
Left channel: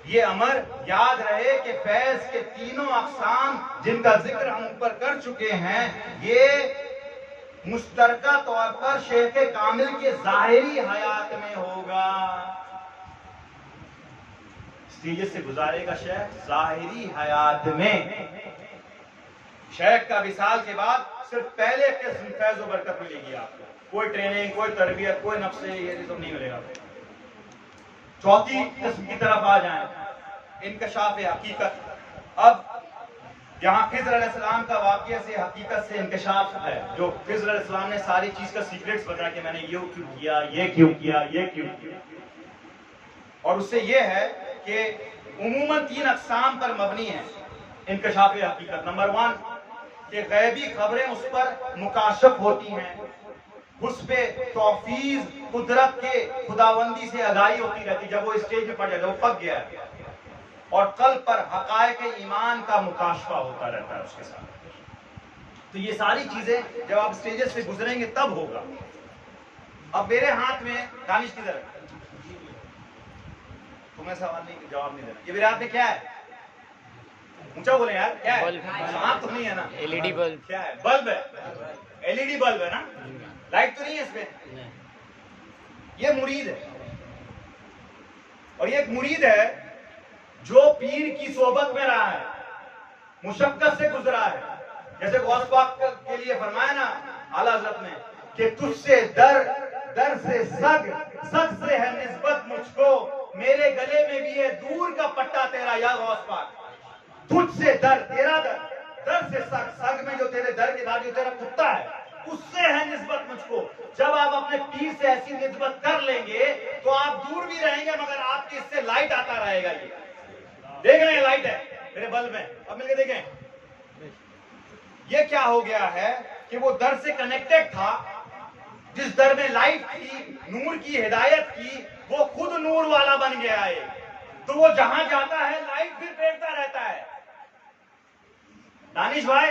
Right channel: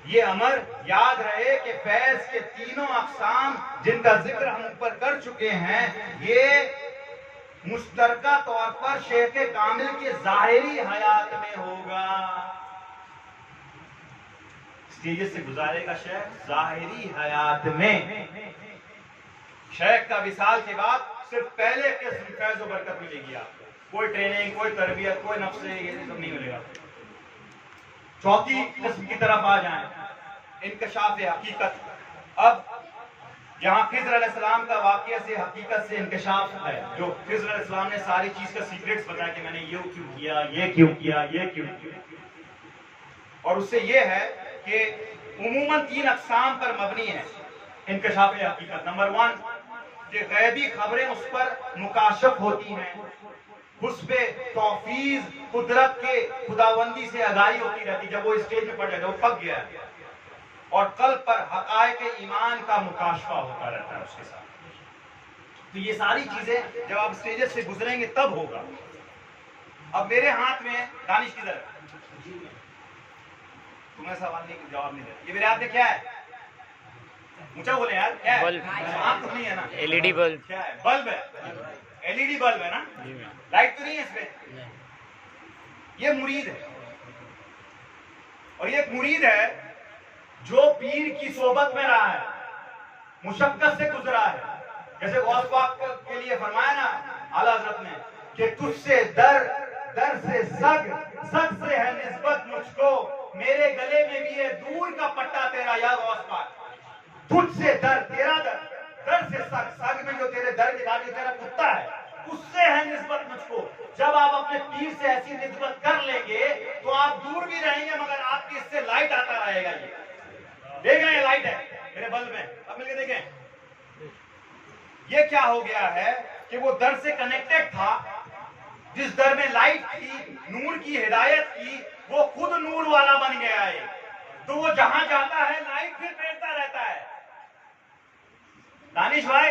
ये अमर याद रहे कि फैज के तीनों अक़साम जिनका जिक्र हम ऊपर कर चुके हैं, ये मुश्तरका तौर पर शेख कामिल के ज़ाहिरी हयात में होगा। स्टेज से गुजारेगा शेख ज़ाहिरी हयात में। शेख का विसाल के बाद सिर्फ पहले किस्म फैज़ व बरकत मिलेगी आपको, कोई ट्रेनिंग, कोई तरबियत, कोई नफ्से, ये सब नहीं मिलेगा। चौथी किस्म की तरफ आ जाएं, इनकशाफ हकीकत। अब यहाँ खिज़र अलैहिस्सलाम का वाक़या से हकीकत से इनकशाफ है, जो खिज़र अलैहिस्सलाम ने सारी चीज का सीक्रेट्स बताया कि मैंने ये क्यों किया, ये क्यों किया, ये क्यों किया। और उससे ये है कि उमूमन 3 अक़साम पर मबनी है इनकशाफ हकीकत। नंबर 1 कि गैबी खबरें उस पर मुकाशफ होती हैं, उस पे तौफीज़ कुदरत के खुदाबंदी से आगाही होती रहती। जब वो स्टेज पे पड़ जाए, वो पक गया है, और कल्ब पर हक़ाइक़ ईमान का मुकाशफा होता रहता है उसके साथ। तो ये सारी चीजें जब आप स्टेजेस से गुजरेंगे तब होगा। अब मेरे हाथ में दानिश किधर है? तुम्हें सवाल नहीं, जवाब नहीं देना। ये मेरे हाथ में क्या है? ऊंचा बोले यार, क्या है? बल्ब तो नहीं है ना? LED bulb. क्या है? बल्ब है, एलईडी बल्ब है ना? लाइट तो नहीं है इसमें। ये मुरीद है, और ये एक मुरीद है जो पीर की सोबत में रहा है, मुशक्कत से गुजरा है। जैसे गौस पाक के लिए फरमाया ना आला हज़रत ने कि तुझसे दर, दर से सग, सग से है निस्बत मुझको, मेरे गले में भी है दूर का पट्टा तेरा या गौस पाक। तुझसे दर, तेरा दर, दर से सग, सग में जो तेरे दर के बाद जो तेरा कुत्ता है उससे है निस्बत मुझको। जब आप अपने पीर से ऐसी निस्बत कर लेंगे तो आप दूर भी रहेंगे, मगर आपकी इससे लाइट आता रहेगा। ये देख रहे हैं, लाइट है मेरे बल्ब में, अब मिलके देखें। ये क्या हो गया है कि वो दर से कनेक्टेड था, जिस दर में लाइट की, नूर की, हिदायत की, वो खुद नूर वाला बन गया है। तो वो जहां जाता है लाइट फिर फेंकता रहता है। दानिश भाई,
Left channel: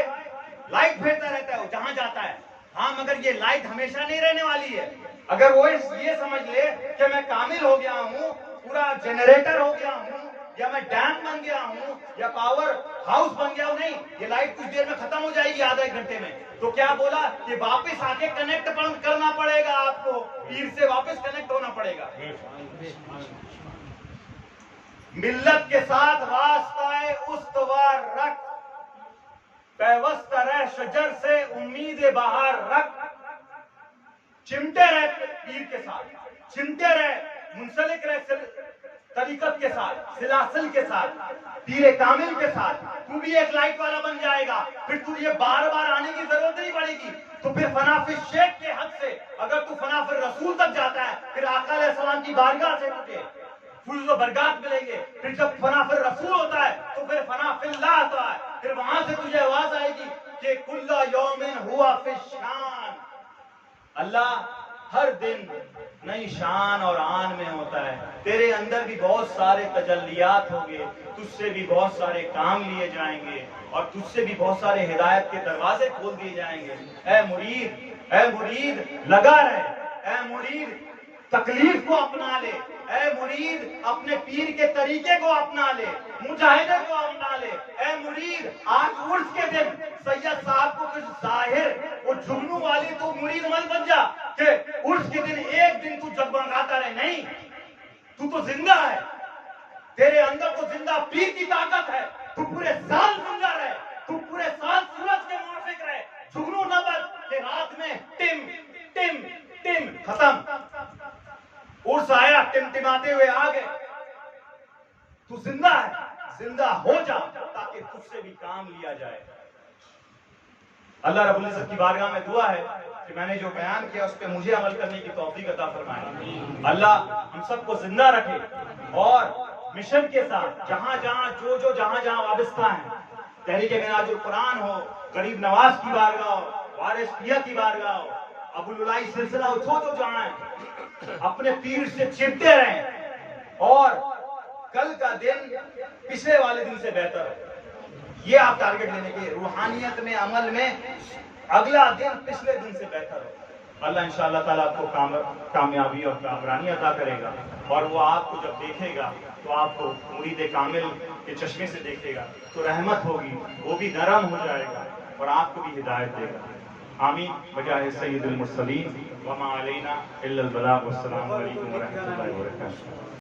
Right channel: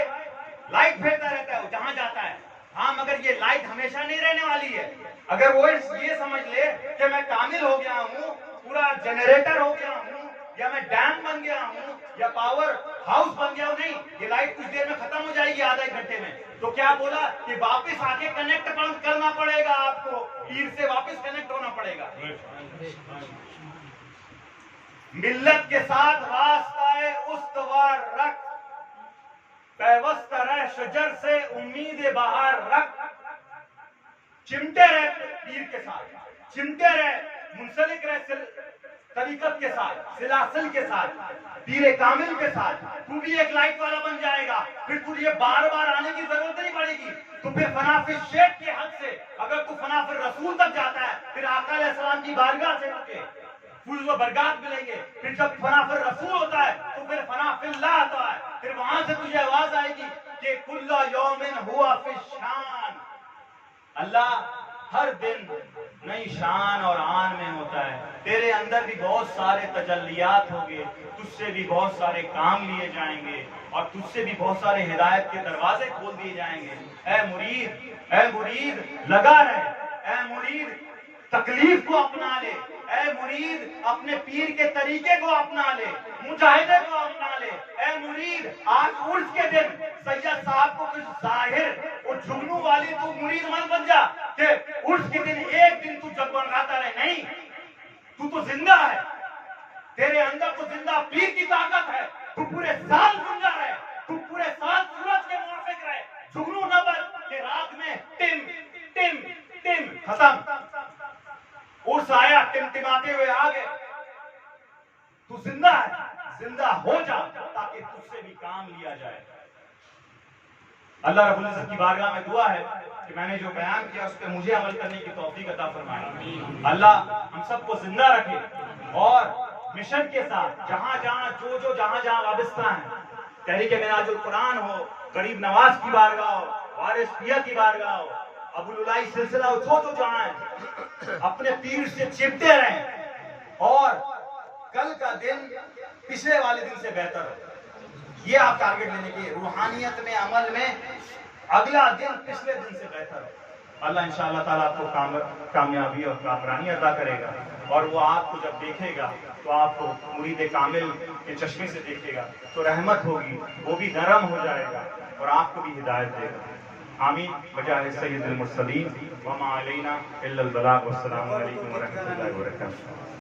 लाइट फेंकता रहता है वो जहां जाता है। हाँ, मगर ये लाइट हमेशा नहीं रहने वाली है। अगर वो ये समझ ले कि मैं कामिल हो गया हूँ, पूरा जनरेटर हो गया हूँ, या मैं डैम बन गया हूँ, या पावर हाउस बन गया हूँ, नहीं, ये लाइट कुछ देर में खत्म हो जाएगी, आधा एक घंटे में। तो क्या बोला कि वापस आके कनेक्ट करना पड़ेगा आपको, पीर से वापस कनेक्ट होना पड़ेगा। मिल्लत के साथ वास्ता उस्तवार रख, पैवस्त रह शजर से उम्मीद बाहर रख। चिमटे रहे पीर के साथ, चिमटे रहे, मुंसलिक रहे तरीकत के साथ, सिलासिल के साथ, पीर कामिल के साथ। तू भी एक लाइट वाला बन जाएगा, फिर तुझे बार बार आने की जरूरत नहीं पड़ेगी। तो फिर फनाफिल शेख के हद से अगर तू फनाफिल रसूल तक जाता है, फिर आका अलैहिस्सलाम की बारगाह से तुझे फुज़ व बरक़ात मिलेंगे। फिर जब फनाफिल रसूल होता है तो फिर फनाफिल्लाह आता है, फिर वहां से तुझे आवाज आएगी कि कुल्ला यौमिन हुआ फी शान। अल्लाह हर दिन नई शान और आन में होता है। तेरे अंदर भी बहुत सारे तजल्लियात होंगे, तुझसे भी बहुत सारे काम लिए जाएंगे, और तुझसे भी बहुत सारे हिदायत के दरवाजे खोल दिए जाएंगे। ऐ मुरीद लगा रहे, ऐ मुरीद तकलीफ को अपना ले, ऐ मुरीद अपने पीर के तरीके को अपना ले, मुजाहिदे को अपना ले। ऐ मुरीद आज उर्स के दिन सैयद साहब को कुछ जाहिर और जुगनू वाली तू मुरीद मत बन जा कि उर्स के दिन एक दिन तू जगमगाता रहे। नहीं, तू तो जिंदा है, तेरे अंदर तो जिंदा पीर की ताकत है। तू पूरे साल जिंदा रहे, तू पूरे साल सूरज के मुआफिक रहे, जुगनू न बन कि रात में टिम टिम टिम खत्म। उर्स आया, टिमटिमाते हुए आ गए। तू जिंदा है, जिंदा हो जा ताकि तुझसे भी काम लिया जाए। अल्लाह रब्बुल इज्जत की बारगाह में दुआ है कि मैंने जो बयान किया उस पर मुझे अमल करने की तौफीक अता फरमाए। अल्लाह हम सबको जिंदा रखे और मिशन के साथ जहां जहां जो जहां जहां वाबस्ता है, तहरीक मिनाजुल कुरान हो, गरीब नवाज की बारगाह, वारिस पिया की बारगाह, अबुलुलाई सिलसिला जो जो जाएं अपने पीर से चिपटे रहें और कल का दिन पिछले वाले दिन से बेहतर हो। ये आप टारगेट लेने के रूहानियत में, अमल में अगला दिन पिछले दिन से बेहतर हो। अल्लाह इंशाअल्लाह ताला आपको कामयाबी और कामरानी अता करेगा और वो आपको जब देखेगा तो आपको मुरीद कामिल के चश्मे से देखेगा तो रहमत होगी, वो भी नरम हो जाएगा और आपको भी हिदायत देगा। आमीन। बजाए सय्यदुल मुरसलीन व मा अलैना इल्लल बलाग। वस्सलामु अलैकुम व रहमतुल्लाहि व बरकातुहू।